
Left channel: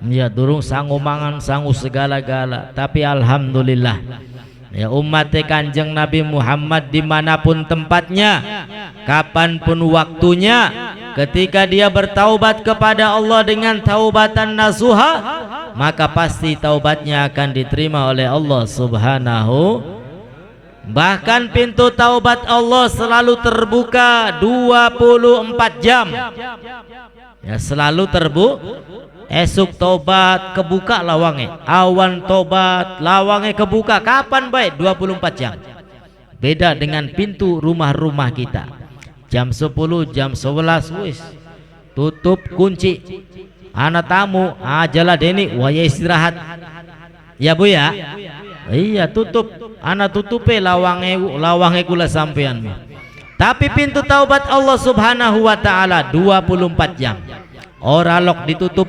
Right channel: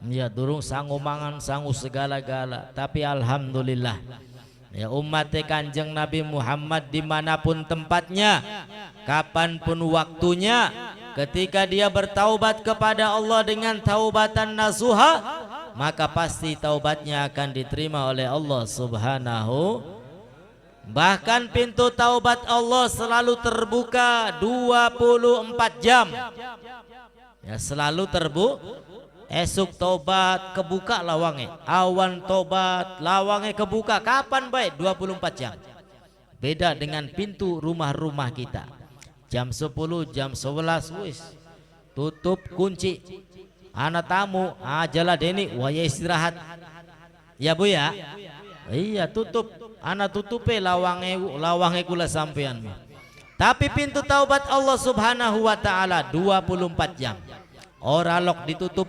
Ya, durung sanggup mangan, sanggup segala-gala. Tapi alhamdulillah, ya, umat Kanjeng Nabi Muhammad dimanapun tempatnya, kapanpun waktunya, ketika dia bertaubat kepada Allah dengan taubatan nasuha, maka pasti taubatnya akan diterima oleh Allah Subhanahu. Bahkan pintu taubat Allah selalu terbuka 24 jam. Ya, selalu terbuka. Esuk tobat kebuka lawange, awan tobat lawange kebuka, kapan baik? 24 jam. Beda dengan pintu rumah-rumah kita. Jam 10, jam 11 wis tutup kunci. Anak tamu, ajalah deni waya istirahat. Ya Bu ya? Iya tutup. Anak tutupe lawange kula sampean. Tapi pintu taubat Allah Subhanahu wa taala 24 jam. Ora lok ditutup.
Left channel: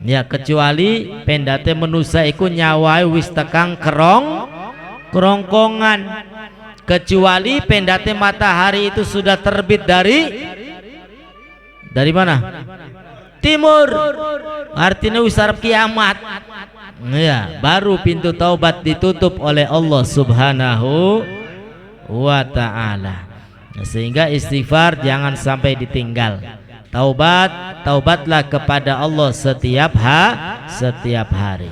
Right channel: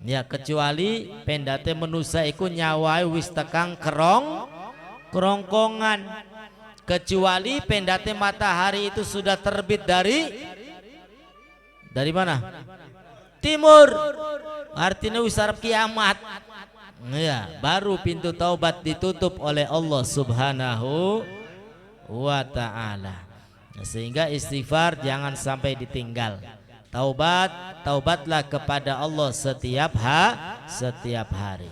Ya kecuali pendate manusia iku nyawai wis tekang kerongkongan. Kecuali pendate matahari itu sudah terbit dari mana? Timur. Artinya wis arep kiamat. Ya, baru pintu taubat ditutup oleh Allah Subhanahu wa taala. Sehingga istighfar jangan sampai ditinggal. Taubatlah kepada Allah setiap hari.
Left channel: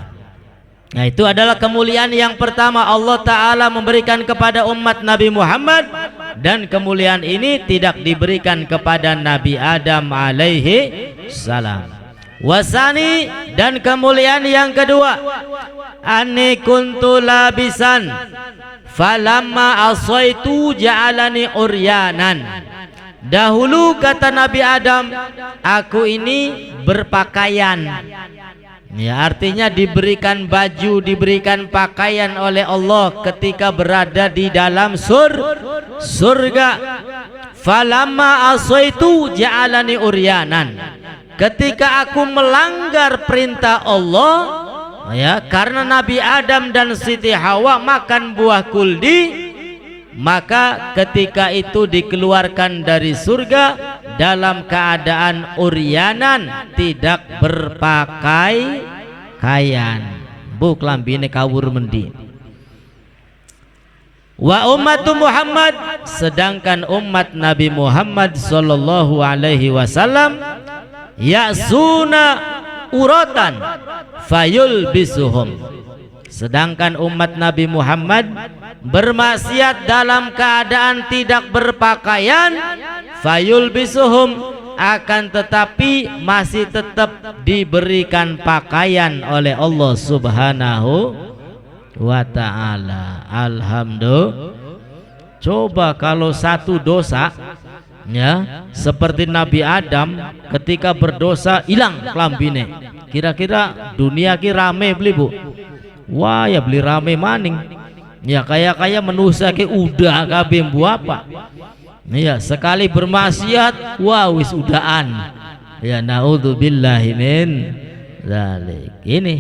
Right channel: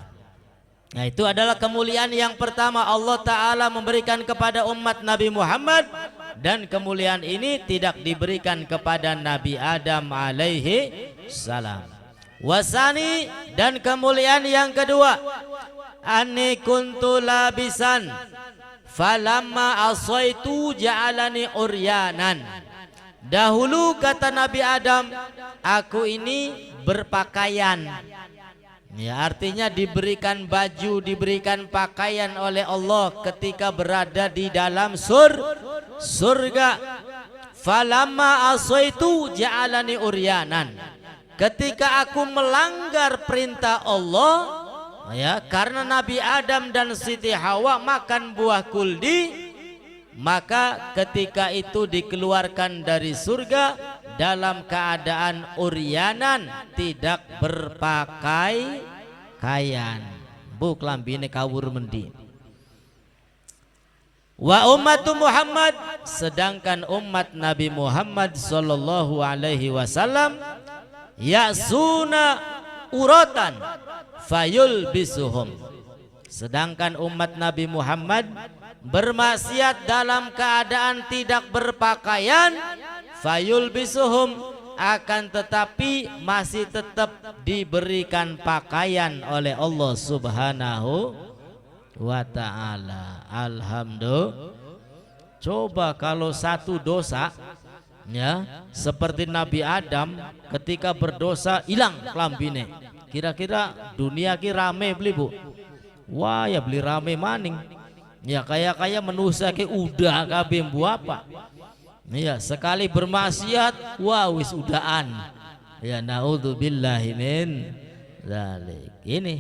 Nah, itu adalah kemuliaan yang pertama Allah Ta'ala memberikan kepada umat Nabi Muhammad. Dan kemuliaan ini tidak diberikan kepada Nabi Adam alaihi salam. Wasani, dan kemuliaan yang kedua, ani kuntu labisan falamma asaitu ja'alani uryanan. Dahulu kata Nabi Adam, aku ini berpakaian. Ya, artinya diberikan baju, diberikan pakaian oleh Allah ketika berada di dalam surga. Falamma asaitu ja'alani uryanan. Ketika aku melanggar perintah Allah, ya, karena Nabi Adam dan Siti Hawa makan buah kuldi, maka ketika itu dikeluarkan dari surga dalam keadaan uryanan, tidak berpakaian. Bu klambine kawur mendi. Wa ummatu Muhammad, sedangkan umat Nabi Muhammad sallallahu alaihi wasallam ya'suna uratan fayul bisuhum. Sedangkan umat Nabi Muhammad bermaksiat dalam keadaan tidak berpakaian, fayul bisuhum, akan tetapi masih tetap diberikan pakaian oleh Allah Subhanahu wa ta'ala. Alhamdulillah. Coba kalau satu dosa, ya, seperti Nabi Adam ketika berdosa hilang klambine, kira-kira dunia ki rame beli Bu? Wah ya beli rame maning. Ya kayak manusia ki udah kabeh bu apa? Ya sekali bermaksiat, wah wis udahan. Ya naudzubillahi min dzalik. Ini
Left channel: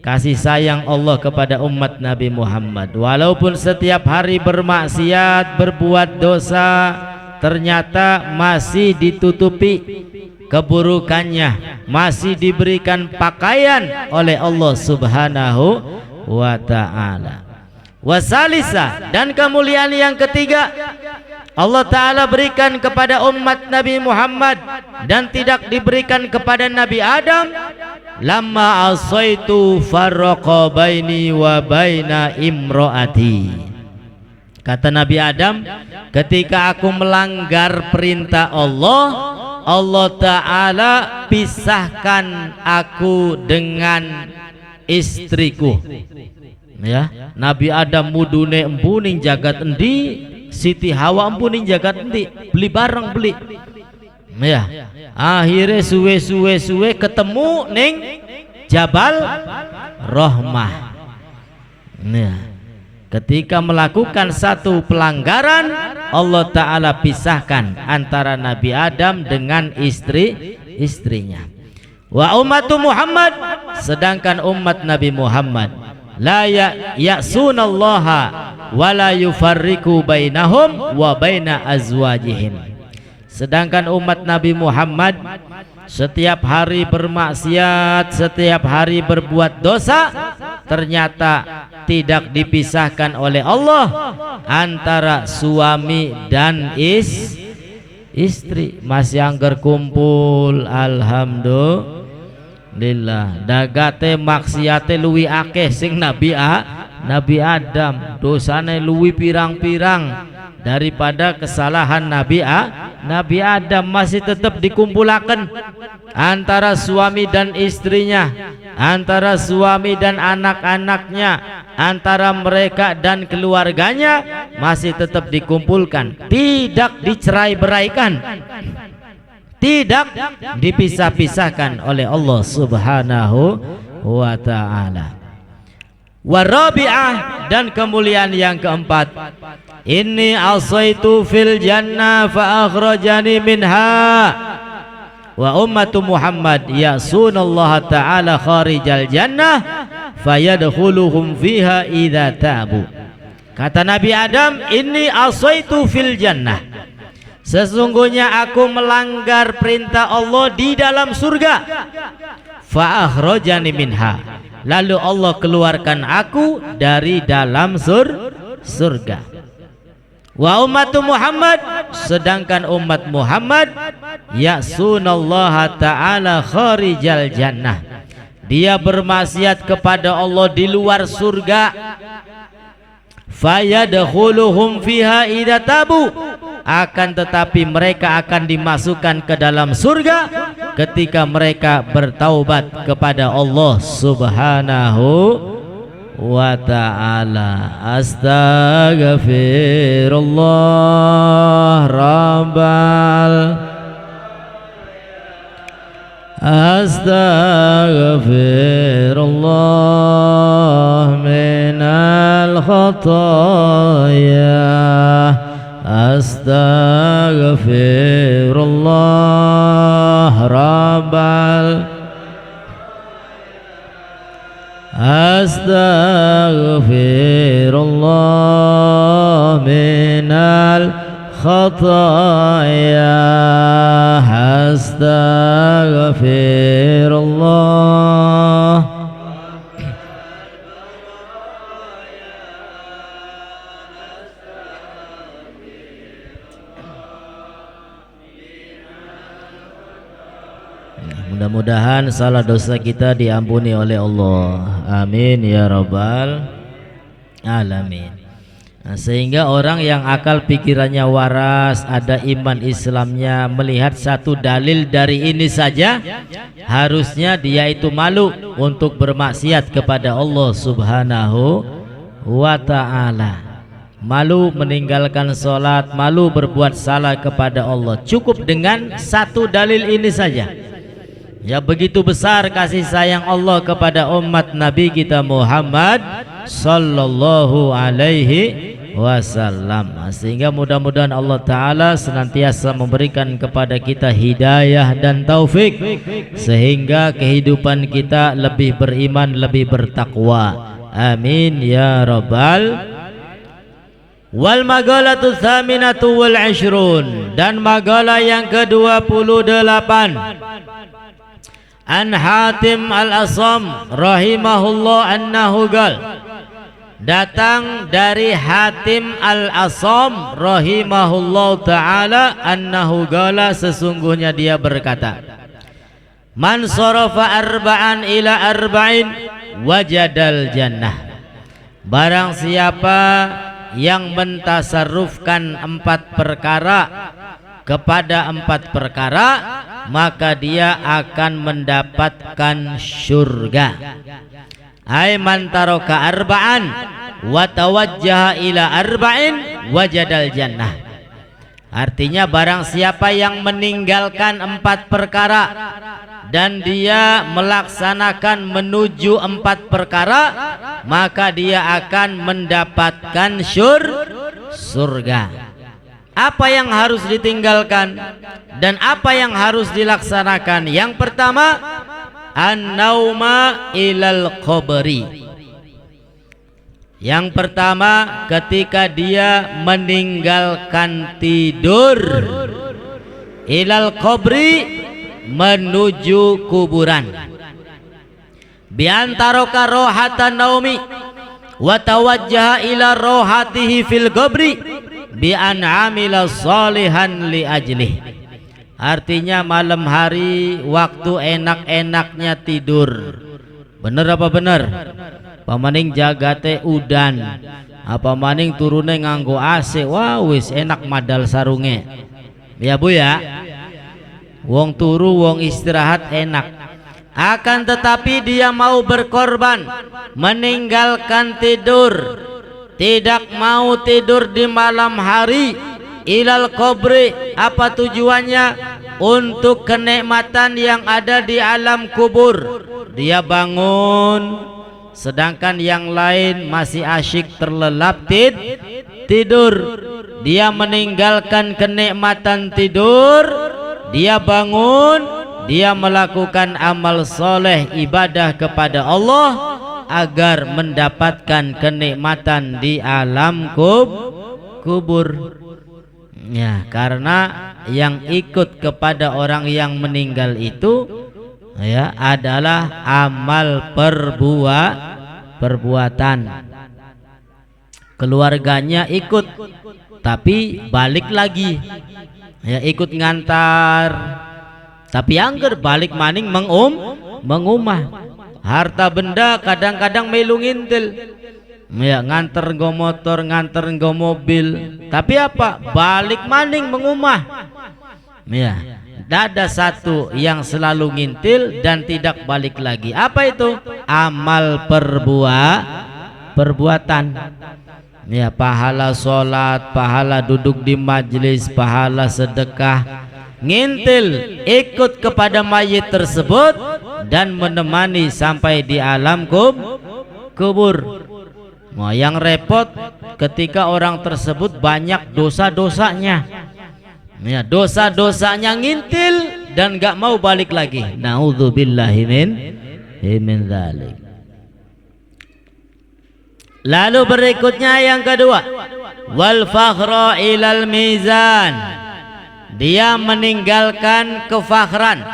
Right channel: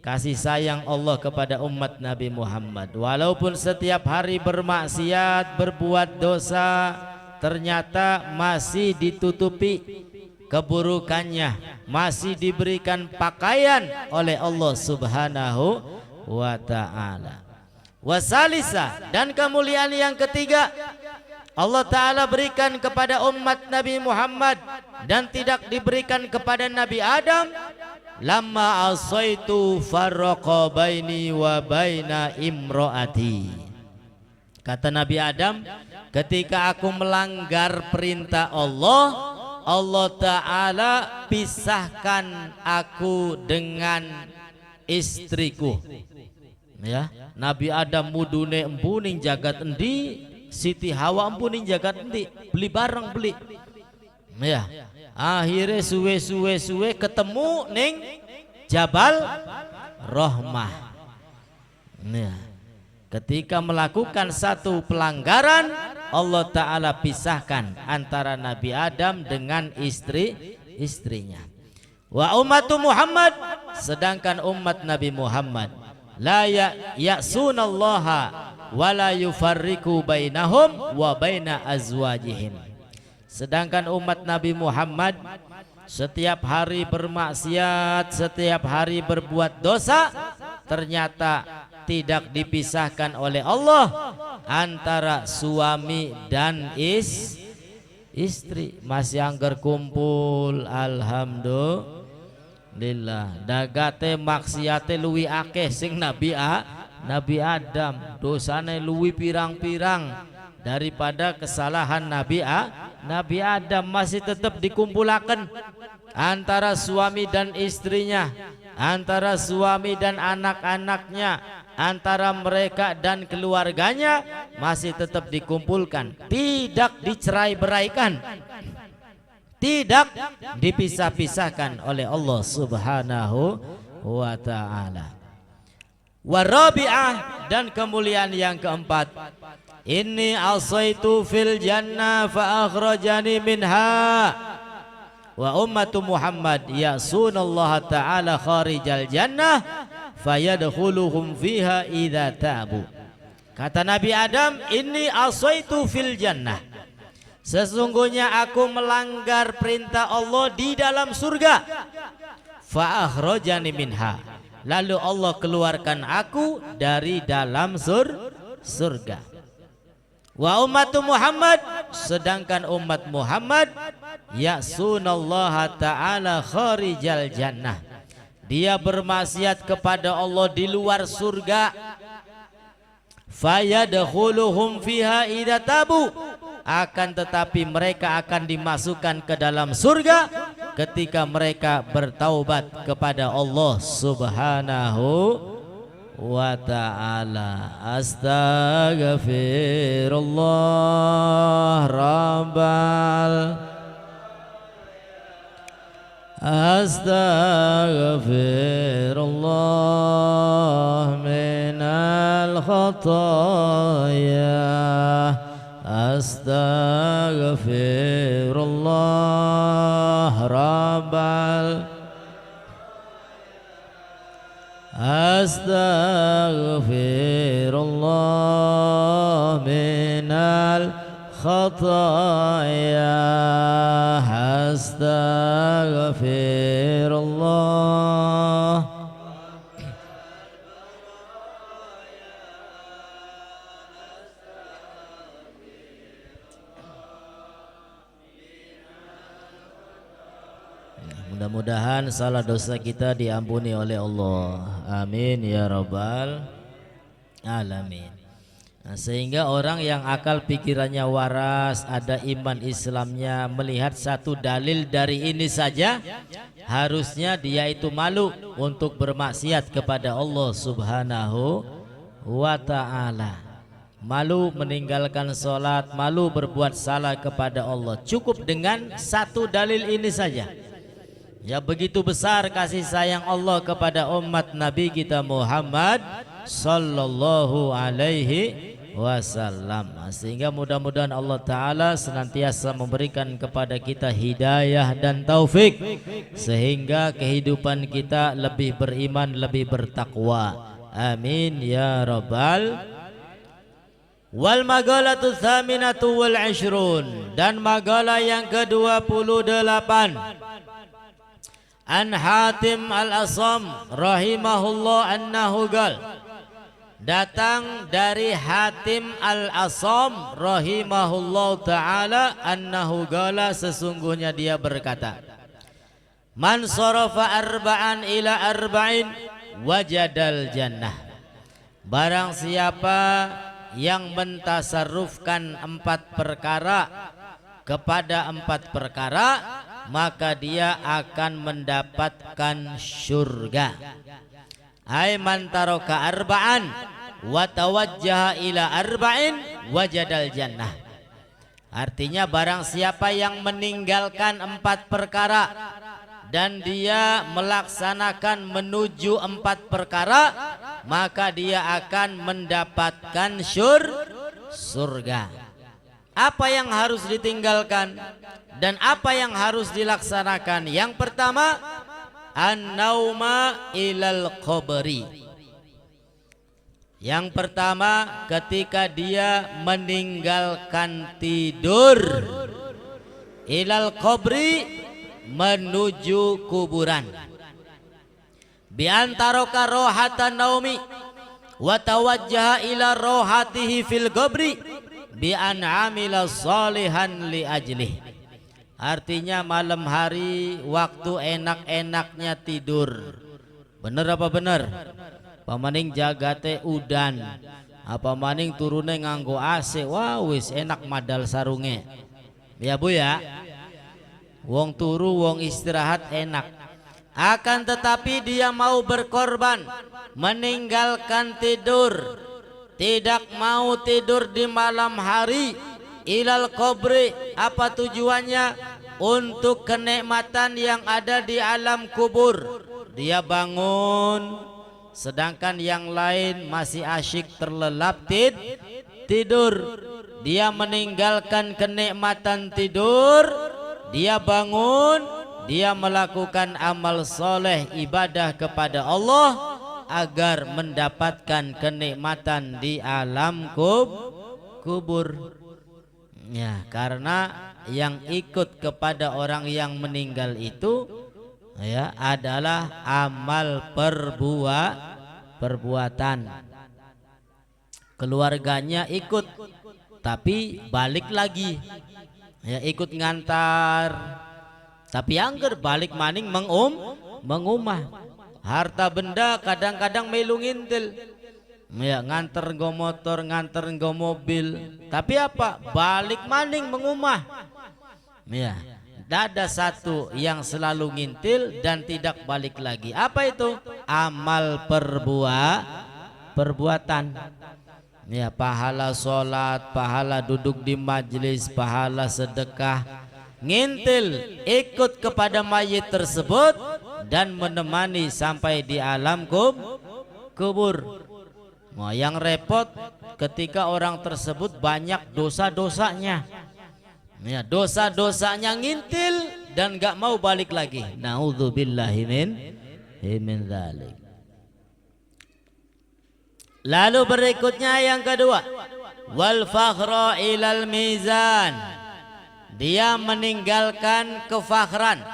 kasih sayang Allah kepada umat Nabi Muhammad. Walaupun setiap hari bermaksiat, berbuat dosa, ternyata masih ditutupi keburukannya, masih diberikan pakaian oleh Allah Subhanahu wa ta'ala. Wasalisa, dan kemuliaan yang ketiga Allah Ta'ala berikan kepada umat Nabi Muhammad dan tidak diberikan kepada Nabi Adam. Lamma asaitu farraqa baini wa baina imro'ati. Kata Nabi Adam, ketika aku melanggar perintah Allah, Allah Ta'ala pisahkan aku dengan istriku. Ya, Nabi Adam mudune empuning jagat endi, Siti Hawa empuning jagat endi, beli bareng beli. Ya, akhirnya suwe ketemu ning Jabal Rahmah. Ya, ketika melakukan satu pelanggaran, Allah Ta'ala pisahkan antara Nabi Adam dengan istrinya. Wa ummatu Muhammad, sedangkan umat Nabi Muhammad la ya'sunallaha wa la yufarriqu bainahum wa baina azwajihim. Sedangkan umat Nabi Muhammad setiap hari bermaksiat, setiap hari berbuat dosa, ternyata tidak dipisahkan oleh Allah antara suami dan istri. Masih angger kumpul, alhamdulillah. Dagate maksiate luwi akeh sing Nabi Adam, dosane luwi pirang-pirang daripada kesalahan Nabi Adam. Masih tetap dikumpulakan antara suami dan istrinya, antara suami dan anak-anaknya, antara mereka dan keluarganya masih tetap dikumpulkan, tidak dicerai-beraikan, tidak dipisah-pisahkan oleh Allah Subhanahu wa ta'ala. Warabi'ah, dan kemuliaan yang keempat, inni asaitu fil jannah fa akhrajani minha wa ummatu Muhammad ya'sunallaha ta'ala kharijal jannah fayadkhuluhum fiha idza tabu. Kata Nabi Adam, inni asaitu fil jannah, sesungguhnya aku melanggar perintah Allah di dalam surga, fa akhrajani minha, lalu Allah keluarkan aku dari dalam surga. Wa ummatu Muhammad, sedangkan umat Muhammad ya'sunallaha ta'ala kharijal jannah, dia bermaksiat kepada Allah di luar surga, fayadkhuluhum fiha idza tabu, akan tetapi mereka akan dimasukkan ke dalam surga ketika mereka bertaubat kepada Allah Subhanahu wa ta'ala. Astaghfirullah rabbal, astaghfirullah minal khataya, astaghfirullah rabbal, astaghfirullah minal khataya, astaghfirullah. Mudah-mudahan salah dosa kita diampuni oleh Allah. Amin ya rabbal alamin. Nah, sehingga orang yang akal pikirannya waras, ada iman Islamnya, melihat satu dalil dari ini saja, harusnya dia itu malu untuk bermaksiat kepada Allah Subhanahu wa ta'ala. Malu meninggalkan sholat, malu berbuat salah kepada Allah. Cukup dengan satu dalil ini saja. Ya, begitu besar kasih sayang Allah kepada umat Nabi kita Muhammad sallallahu alaihi wasallam. Sehingga mudah-mudahan Allah Ta'ala senantiasa memberikan kepada kita hidayah dan taufik, sehingga kehidupan kita lebih beriman, lebih bertakwa. Amin ya rabbal. Wal magalatu tsaminatu wal 'ishrun, dan magalah yang ke-28, An Hatim al-Asam rahimahullah annahu gal, datang dari Hatim al-Asam rahimahullah ta'ala annahu gala, sesungguhnya dia berkata, man sarafa arba'an ila arba'in wajadal jannah, barang siapa yang mentasarrufkan 4 perkara kepada 4 perkara, maka dia akan mendapatkan surga. Ay man taraka arba'an wa tawajjaha ila arba'in wajadal jannah. Artinya barang siapa yang meninggalkan 4 perkara dan dia melaksanakan menuju 4 perkara, maka dia akan mendapatkan surga. Apa yang harus ditinggalkan dan apa yang harus dilaksanakan? Yang pertama, an-nauma ilal qabri. Yang pertama, ketika dia meninggalkan tidur, ilal qabri, menuju kuburan. Bi antaraka rohatan naumi wa tawajjaha ila rohatihi fil qabri bi an amila salihan li ajlih. Artinya malam hari waktu enak-enaknya tidur. Bener apa bener? Pamaning jagate udan, apa maning turune nganggo AC, wah wis enak madal sarunge. Ya Bu ya. Wong turu wong istirahat enak. akan tetapi dia mau berkorban, meninggalkan tidur, tidak mau tidur di malam hari, ilal kubri, apa tujuannya? Untuk kenikmatan yang ada di alam kubur. Dia bangun sedangkan yang lain masih asyik terlelap tidur. Dia meninggalkan kenikmatan tidur, dia bangun, dia melakukan amal soleh ibadah kepada Allah agar mendapatkan kenikmatan di alam kubur. Ya, karena yang ikut kepada orang yang meninggal itu ya adalah amal perbuatan. Keluarganya ikut tapi balik lagi. Ya, ikut ngantar tapi angger balik maning mengumah. Harta benda kadang-kadang melu ngintil. Ya, nganter nggo motor, nganter nggo mobil, tapi apa? Balik maning mengumah. Ya, ada satu yang selalu ngintil dan tidak balik lagi. Apa itu? Amal perbuatan. Ya, pahala sholat, pahala duduk di majelis, pahala sedekah. Ngintil, ikut kepada mayit tersebut dan menemani sampai di alam kubur. Nah, yang repot ketika orang tersebut banyak dosa-dosanya. Ya, dosa-dosanya ngintil dan gak mau balik lagi. Na'udzubillahi min dzalik. Lalu berikutnya yang kedua, wal fakhra ilal mizan. Dia meninggalkan kefakhran,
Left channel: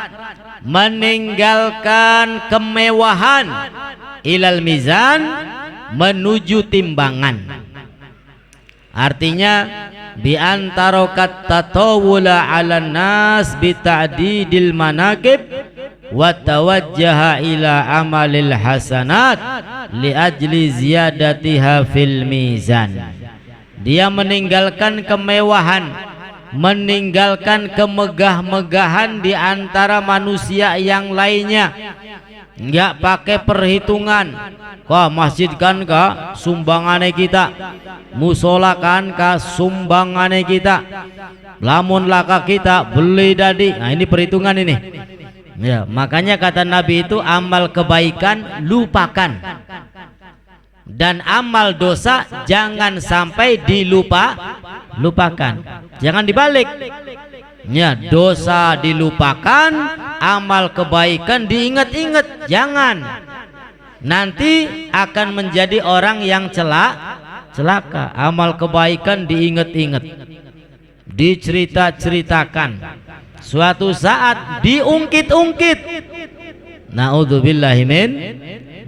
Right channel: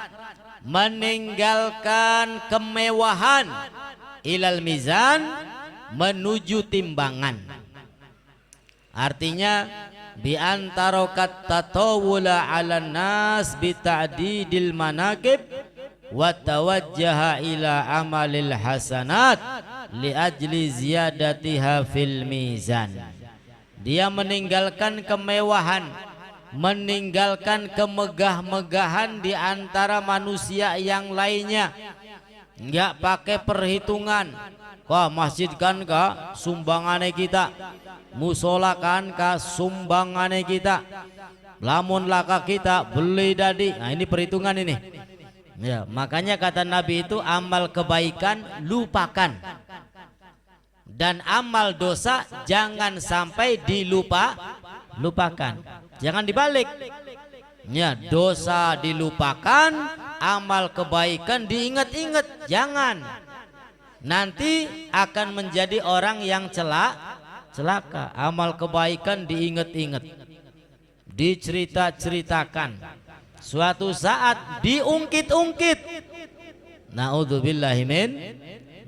meninggalkan kemewahan, ilal mizan, menuju timbangan. Artinya bi antara tatawula 'alan nas bi ta'didil manaqib wa tawajjaha ila amalil hasanat li ajli ziyadatiha fil mizan. Dia meninggalkan kemewahan, meninggalkan kemegah-megahan di antara manusia yang lainnya. Enggak pakai perhitungan. Kah masjid kan kah sumbangane kita, musola kan kah sumbangane kita, lamun laka kita beli dadi. Nah, ini perhitungan ini. Ya, makanya kata Nabi itu amal kebaikan lupakan dan amal dosa jangan sampai lupakan. Jangan dibalik. Ya, dosa dilupakan, amal kebaikan diingat-ingat. Jangan. Nanti akan menjadi orang yang celaka. Amal kebaikan diingat-ingat, dicerita-ceritakan, suatu saat diungkit-ungkit. Na'udzubillahi min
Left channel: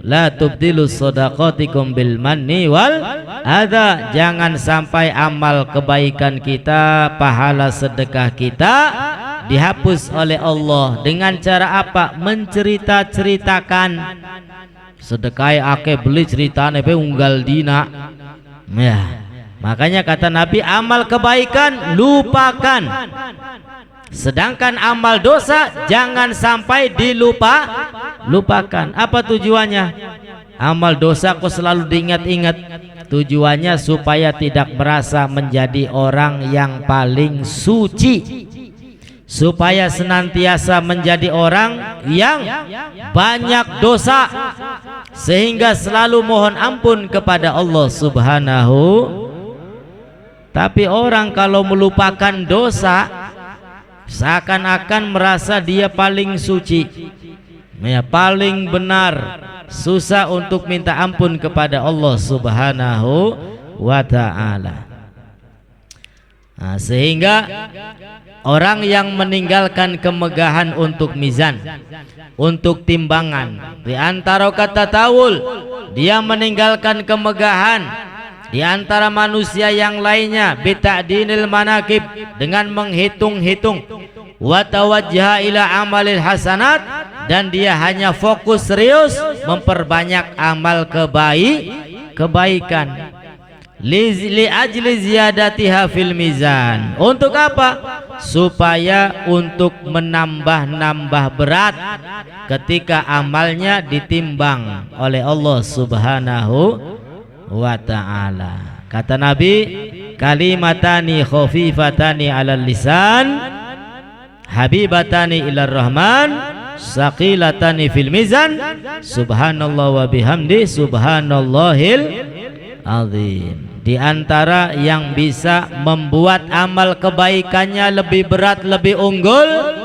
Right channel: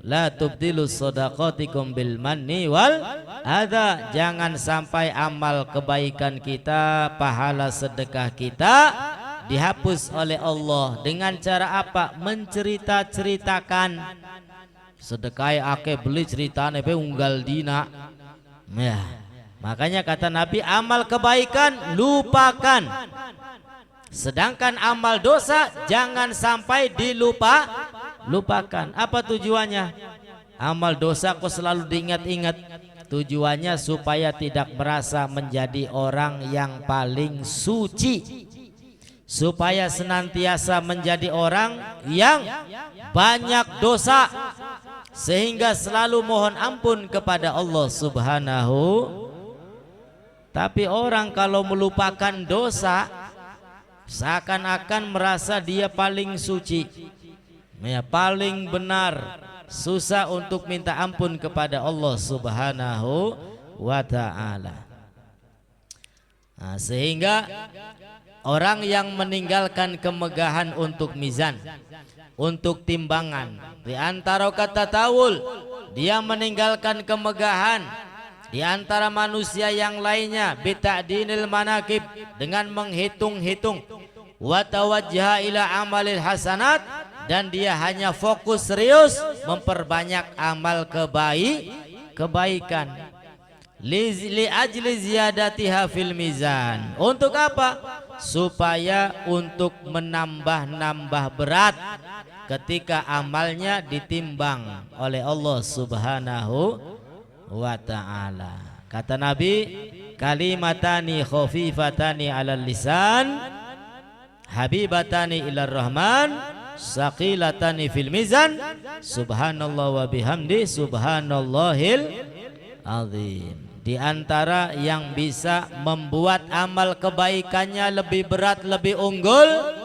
la tubdilu shadaqatikum bil manni wal adha. Jangan sampai amal kebaikan kita, pahala sedekah kita dihapus oleh Allah dengan cara apa? Mencerita-ceritakan. Sedekah ake beli ceritane pe unggal dina. Ya, makanya kata Nabi amal kebaikan lupakan, sedangkan amal dosa jangan sampai lupakan. Apa tujuannya? Amal dosa kok selalu diingat-ingat? Tujuannya supaya tidak merasa menjadi orang yang paling suci, supaya senantiasa menjadi orang yang banyak dosa, sehingga selalu mohon ampun kepada Allah Subhanahu. Tapi orang kalau melupakan dosa seakan-akan merasa dia paling suci, ya, paling benar, susah untuk minta ampun kepada Allah Subhanahu wa ta'ala. Nah, sehingga orang yang meninggalkan kemegahan untuk mizan, untuk timbangan, di antara kata tawul, dia meninggalkan kemegahan di antara manusia yang lainnya, bita'dinil manaqib, dengan menghitung-hitung, wa tawajjaha ila amalil hasanat, dan dia hanya fokus serius memperbanyak amal kebaikan. Li ajli ziyadatiha fil mizan. Untuk apa? Supaya untuk menambah-nambah berat ketika amalnya ditimbang oleh Allah Subhanahu wa ta'ala. Kata Nabi, kalimatani khafifatani 'alal lisan, habibatani ilar rahman, saqilatani fil mizan, subhanallah wa bihamdi subhanallahil azim. Di antara yang bisa membuat amal kebaikannya lebih berat, lebih unggul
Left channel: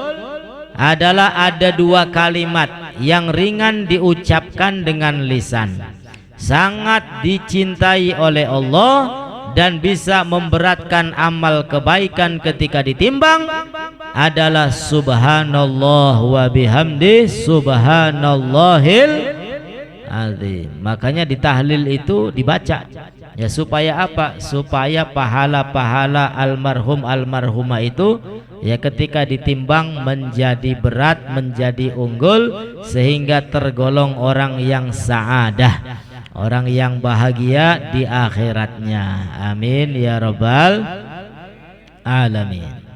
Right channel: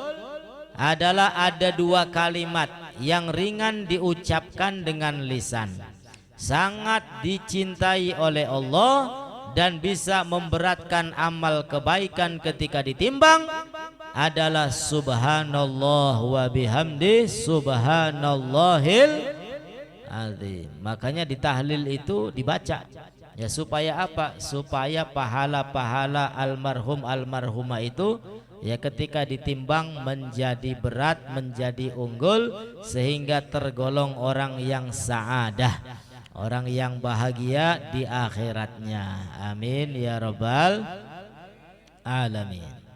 adalah ada dua kalimat yang ringan diucapkan dengan lisan, sangat dicintai oleh Allah dan bisa memberatkan amal kebaikan ketika ditimbang, adalah subhanallah wa bihamdi subhanallahil azim. Makanya di tahlil itu dibaca ya, supaya apa? Supaya pahala-pahala almarhum almarhumah itu ya ketika ditimbang menjadi berat, menjadi unggul, sehingga tergolong orang yang sa'adah, orang yang bahagia di akhiratnya. Amin ya rabbal alamin.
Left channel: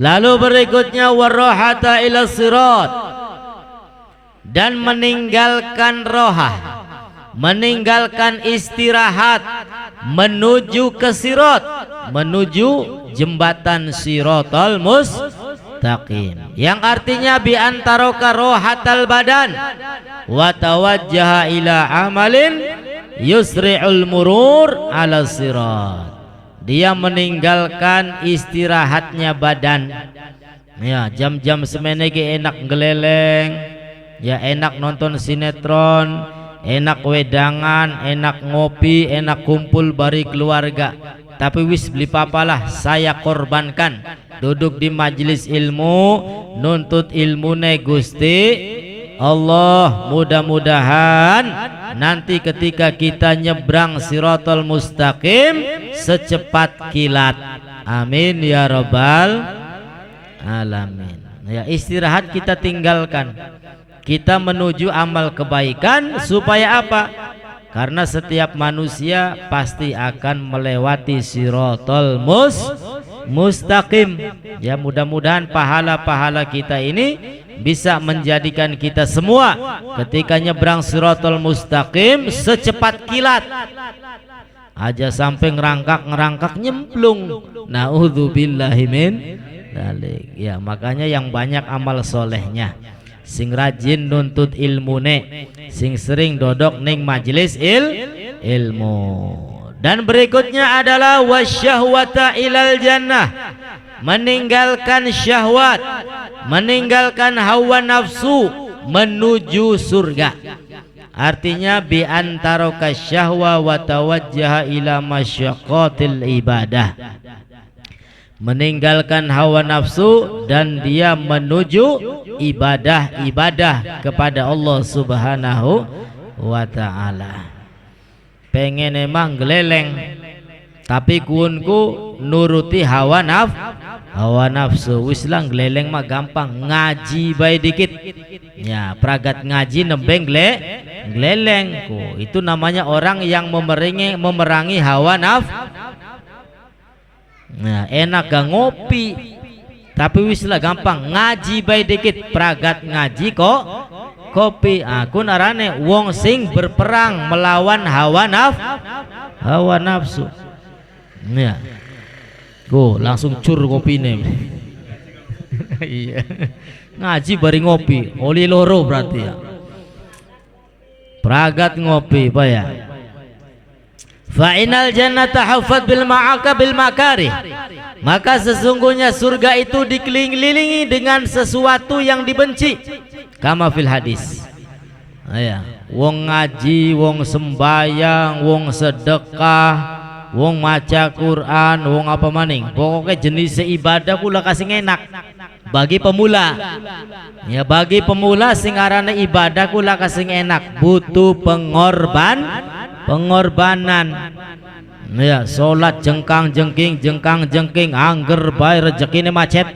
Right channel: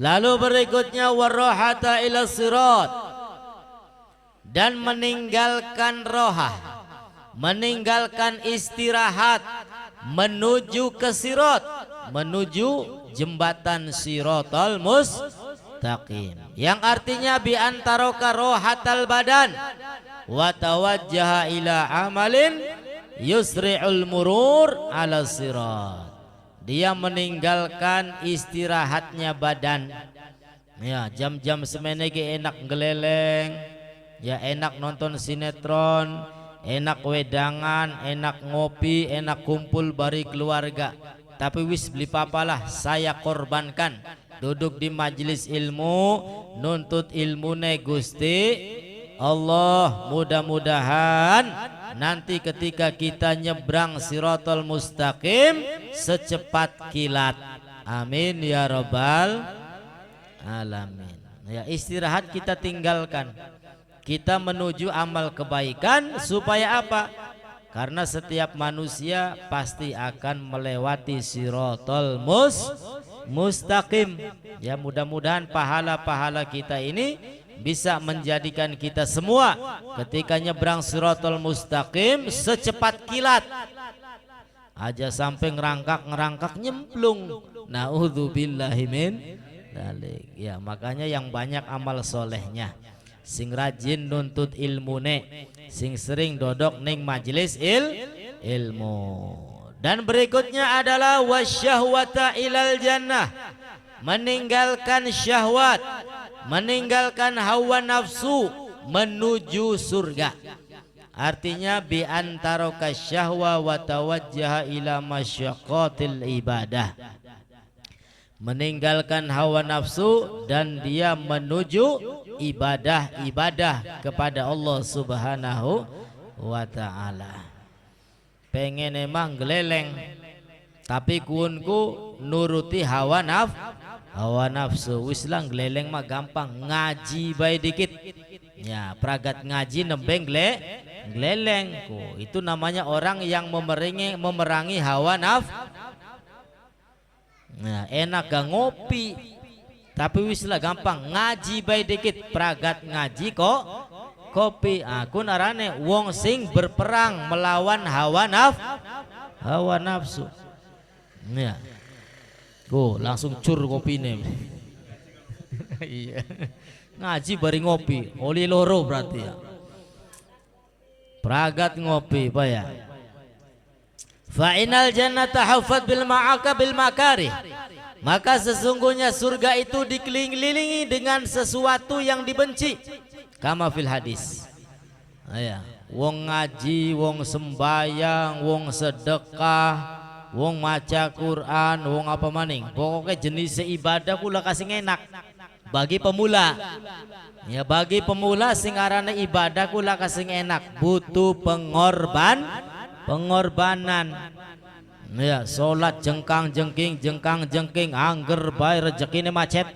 Lalu berikutnya warahata ila sirat, dan meninggalkan rohah, meninggalkan istirahat menuju ke sirat, menuju jembatan siratal mustaqim, yang artinya bi antaraka rohatal badan wa tawajjaha ila amalin yusri'ul murur ala sirat. Dia meninggalkan istirahatnya badan ya, jam-jam semenege enak geleleng ya, enak nonton sinetron, enak wedangan, enak ngopi, enak kumpul bari keluarga. Tapi wis beli papalah, saya korbankan duduk di majelis ilmu, nuntut ilmune Gusti Allah. Mudah-mudahan nanti ketika kita nyebrang siratal mustaqim secepat kilat. Amin ya rabbal alamin. Ya, istirahat kita tinggalkan, kita menuju amal kebaikan. Supaya apa? Karena setiap manusia pasti akan melewati siratal mustaqim. Ya, mudah-mudahan pahala-pahala kita ini bisa menjadikan kita semua ketika nyebrang siratal mustaqim secepat kilat. Aja sampai ngerangkak nyemplung. Naudzubillahi min dzalik. Ya, makanya yang banyak amal solehnya, sing rajin nuntut ilmune, sing sering dodok ning majelis ilmu. Dan berikutnya adalah wasyahwata ilal jannah, meninggalkan syahwat, meninggalkan hawa nafsu menuju surga. Artinya bi antaraka syahwa wa tawajjaha ila masyaqqatil ibadah, meninggalkan hawa nafsu dan dia menuju ibadah-ibadah kepada Allah Subhanahu wa ta'ala. Pengen emang geleleng, tapi kunku nuruti hawa nafsu. Wis lang geleleng mah gampang, ngaji bae dikit ya, pragat ngaji nembeng geleleng ku. Itu namanya orang yang memerangi hawa nafsu. Nah, enak gak ngopi, tapi wis lah gampang ngaji bae dikit, pragat ngaji kok kopi. Aku narane wong sing berperang melawan hawa nafsu. Ya, go langsung cur kopine. Iya, ngaji bari ngopi, oli loro berarti ya. Pragat ngopi apa ya? Fa'inal jannata hafat bil ma'aka bil makarih, maka sesungguhnya surga itu dikelilingi dengan sesuatu yang dibenci. Kama fil hadis. Ya, wong ngaji, wong sembayang, wong sedekah, wong maca Quran, wong apa maning, pokoknya jenis ibadah pula kasih enak bagi pemula. Ya, bagi pemula sing arane ibadah kula kasih enak, butuh pengorbanan. Ya, salat jengkang jengking angger bae rezekine macet.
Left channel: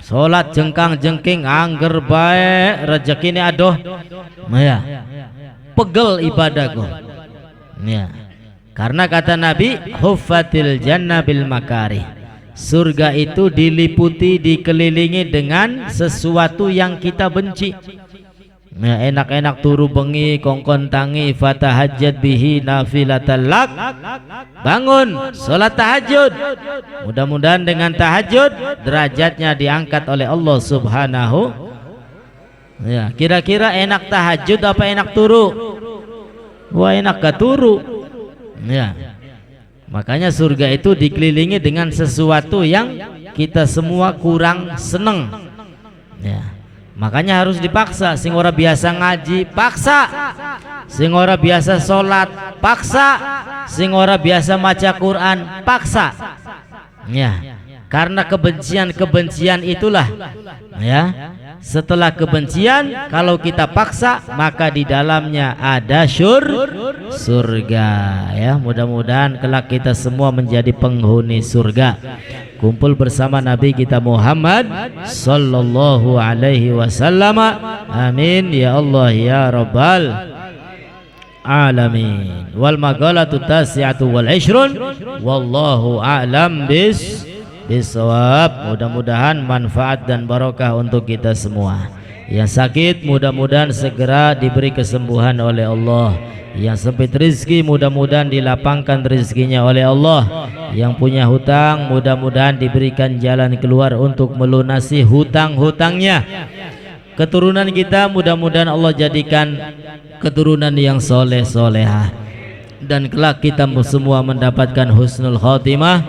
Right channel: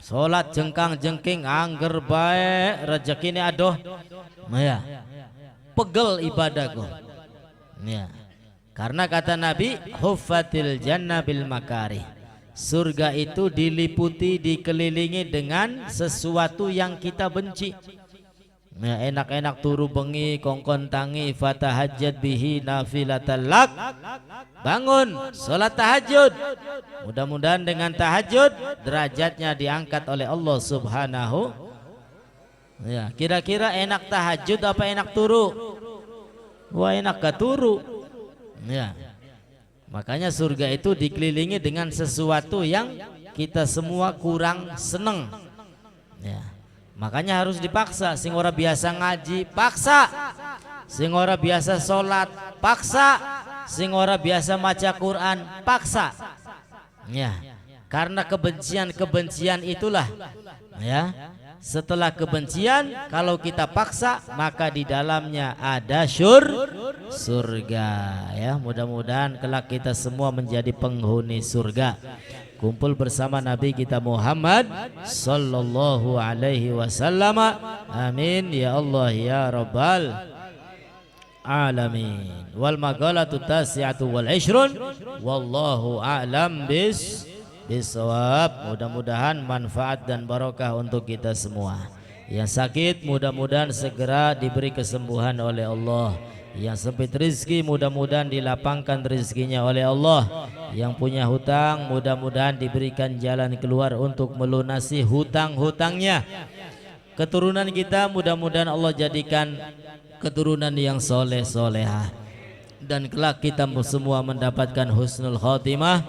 Salat jengkang jengking angger bae rezekine adoh. Ya, pegel ibadahku. Ya, karena kata Nabi, huffatil jannah bil makarih, surga itu diliputi, dikelilingi dengan sesuatu yang kita benci. Nah, enak-enak turu bengi kongkon tangi fatahajjat bihi nafilatan lak. Bangun salat tahajud. Mudah-mudahan dengan tahajud derajatnya diangkat oleh Allah Subhanahu. Ya, kira-kira enak tahajud apa enak turu? Wah, enak ke turu. Ya. Makanya surga itu dikelilingi dengan sesuatu yang kita semua kurang seneng. Ya. Makanya harus dipaksa. Sing ora biasa ngaji, paksa. Sing ora biasa sholat, paksa. Sing ora biasa maca Quran, paksa. Ya, karena kebencian itulah. Ya, setelah kebencian, kalau kita paksa, maka di dalamnya ada surga. Ya, mudah-mudahan kelak kita semua menjadi penghuni surga. Kumpul bersama Nabi kita Muhammad sallallahu alaihi wasallam. Amin ya Allah ya Rabbal alamin. Wal maqalatu tasi'atu wal 'ishrun wallahu a'lam bisawab. Mudah-mudahan manfaat dan barokah untuk kita semua. Yang sakit mudah-mudahan segera diberi kesembuhan oleh Allah. Yang sempit rezeki mudah-mudahan dilapangkan rezekinya oleh Allah. Yang punya hutang mudah-mudahan diberikan jalan keluar untuk melunasi hutang-hutangnya. Keturunan kita mudah-mudahan Allah jadikan keturunan yang soleh solehah, dan kelak kita semua mendapatkan husnul khotimah,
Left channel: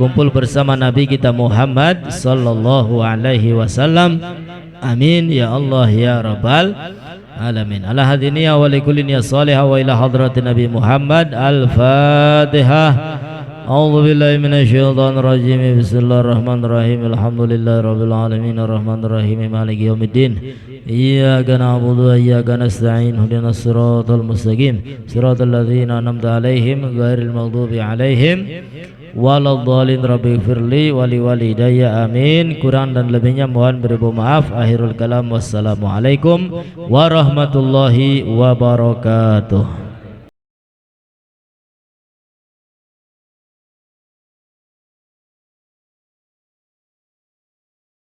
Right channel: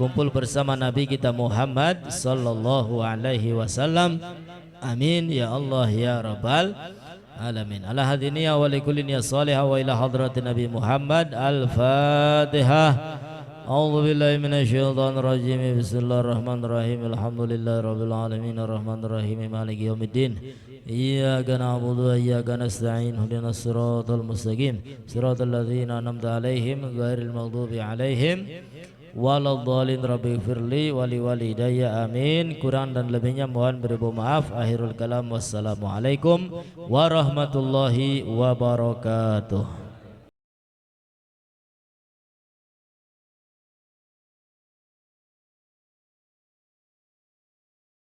kumpul bersama Nabi kita Muhammad sallallahu alaihi wasallam. Amin ya Allah ya Rabbal alamin. Ala hadiniya wa likullin ya salihah wa ila hadratin Nabi Muhammad. Al-Fatihah. A'udzu billahi minasyaitonir rajim. Bismillahirrahmanirrahim. Alhamdulillahi rabbil alamin arrahmanir rahim maliki yaumiddin. Iyyaka na'budu wa iyyaka nasta'in. Ihdinas siratal mustaqim. Siratal ladzina an'amta 'alaihim ghairil maghdubi 'alaihim waladhdallin. Rabbighfirli wa liwalidayya. Amin. Kurang dan lebihnya mohon beribu maaf. Akhirul kalam. Wassalamualaikum warahmatullahi wabarakatuh.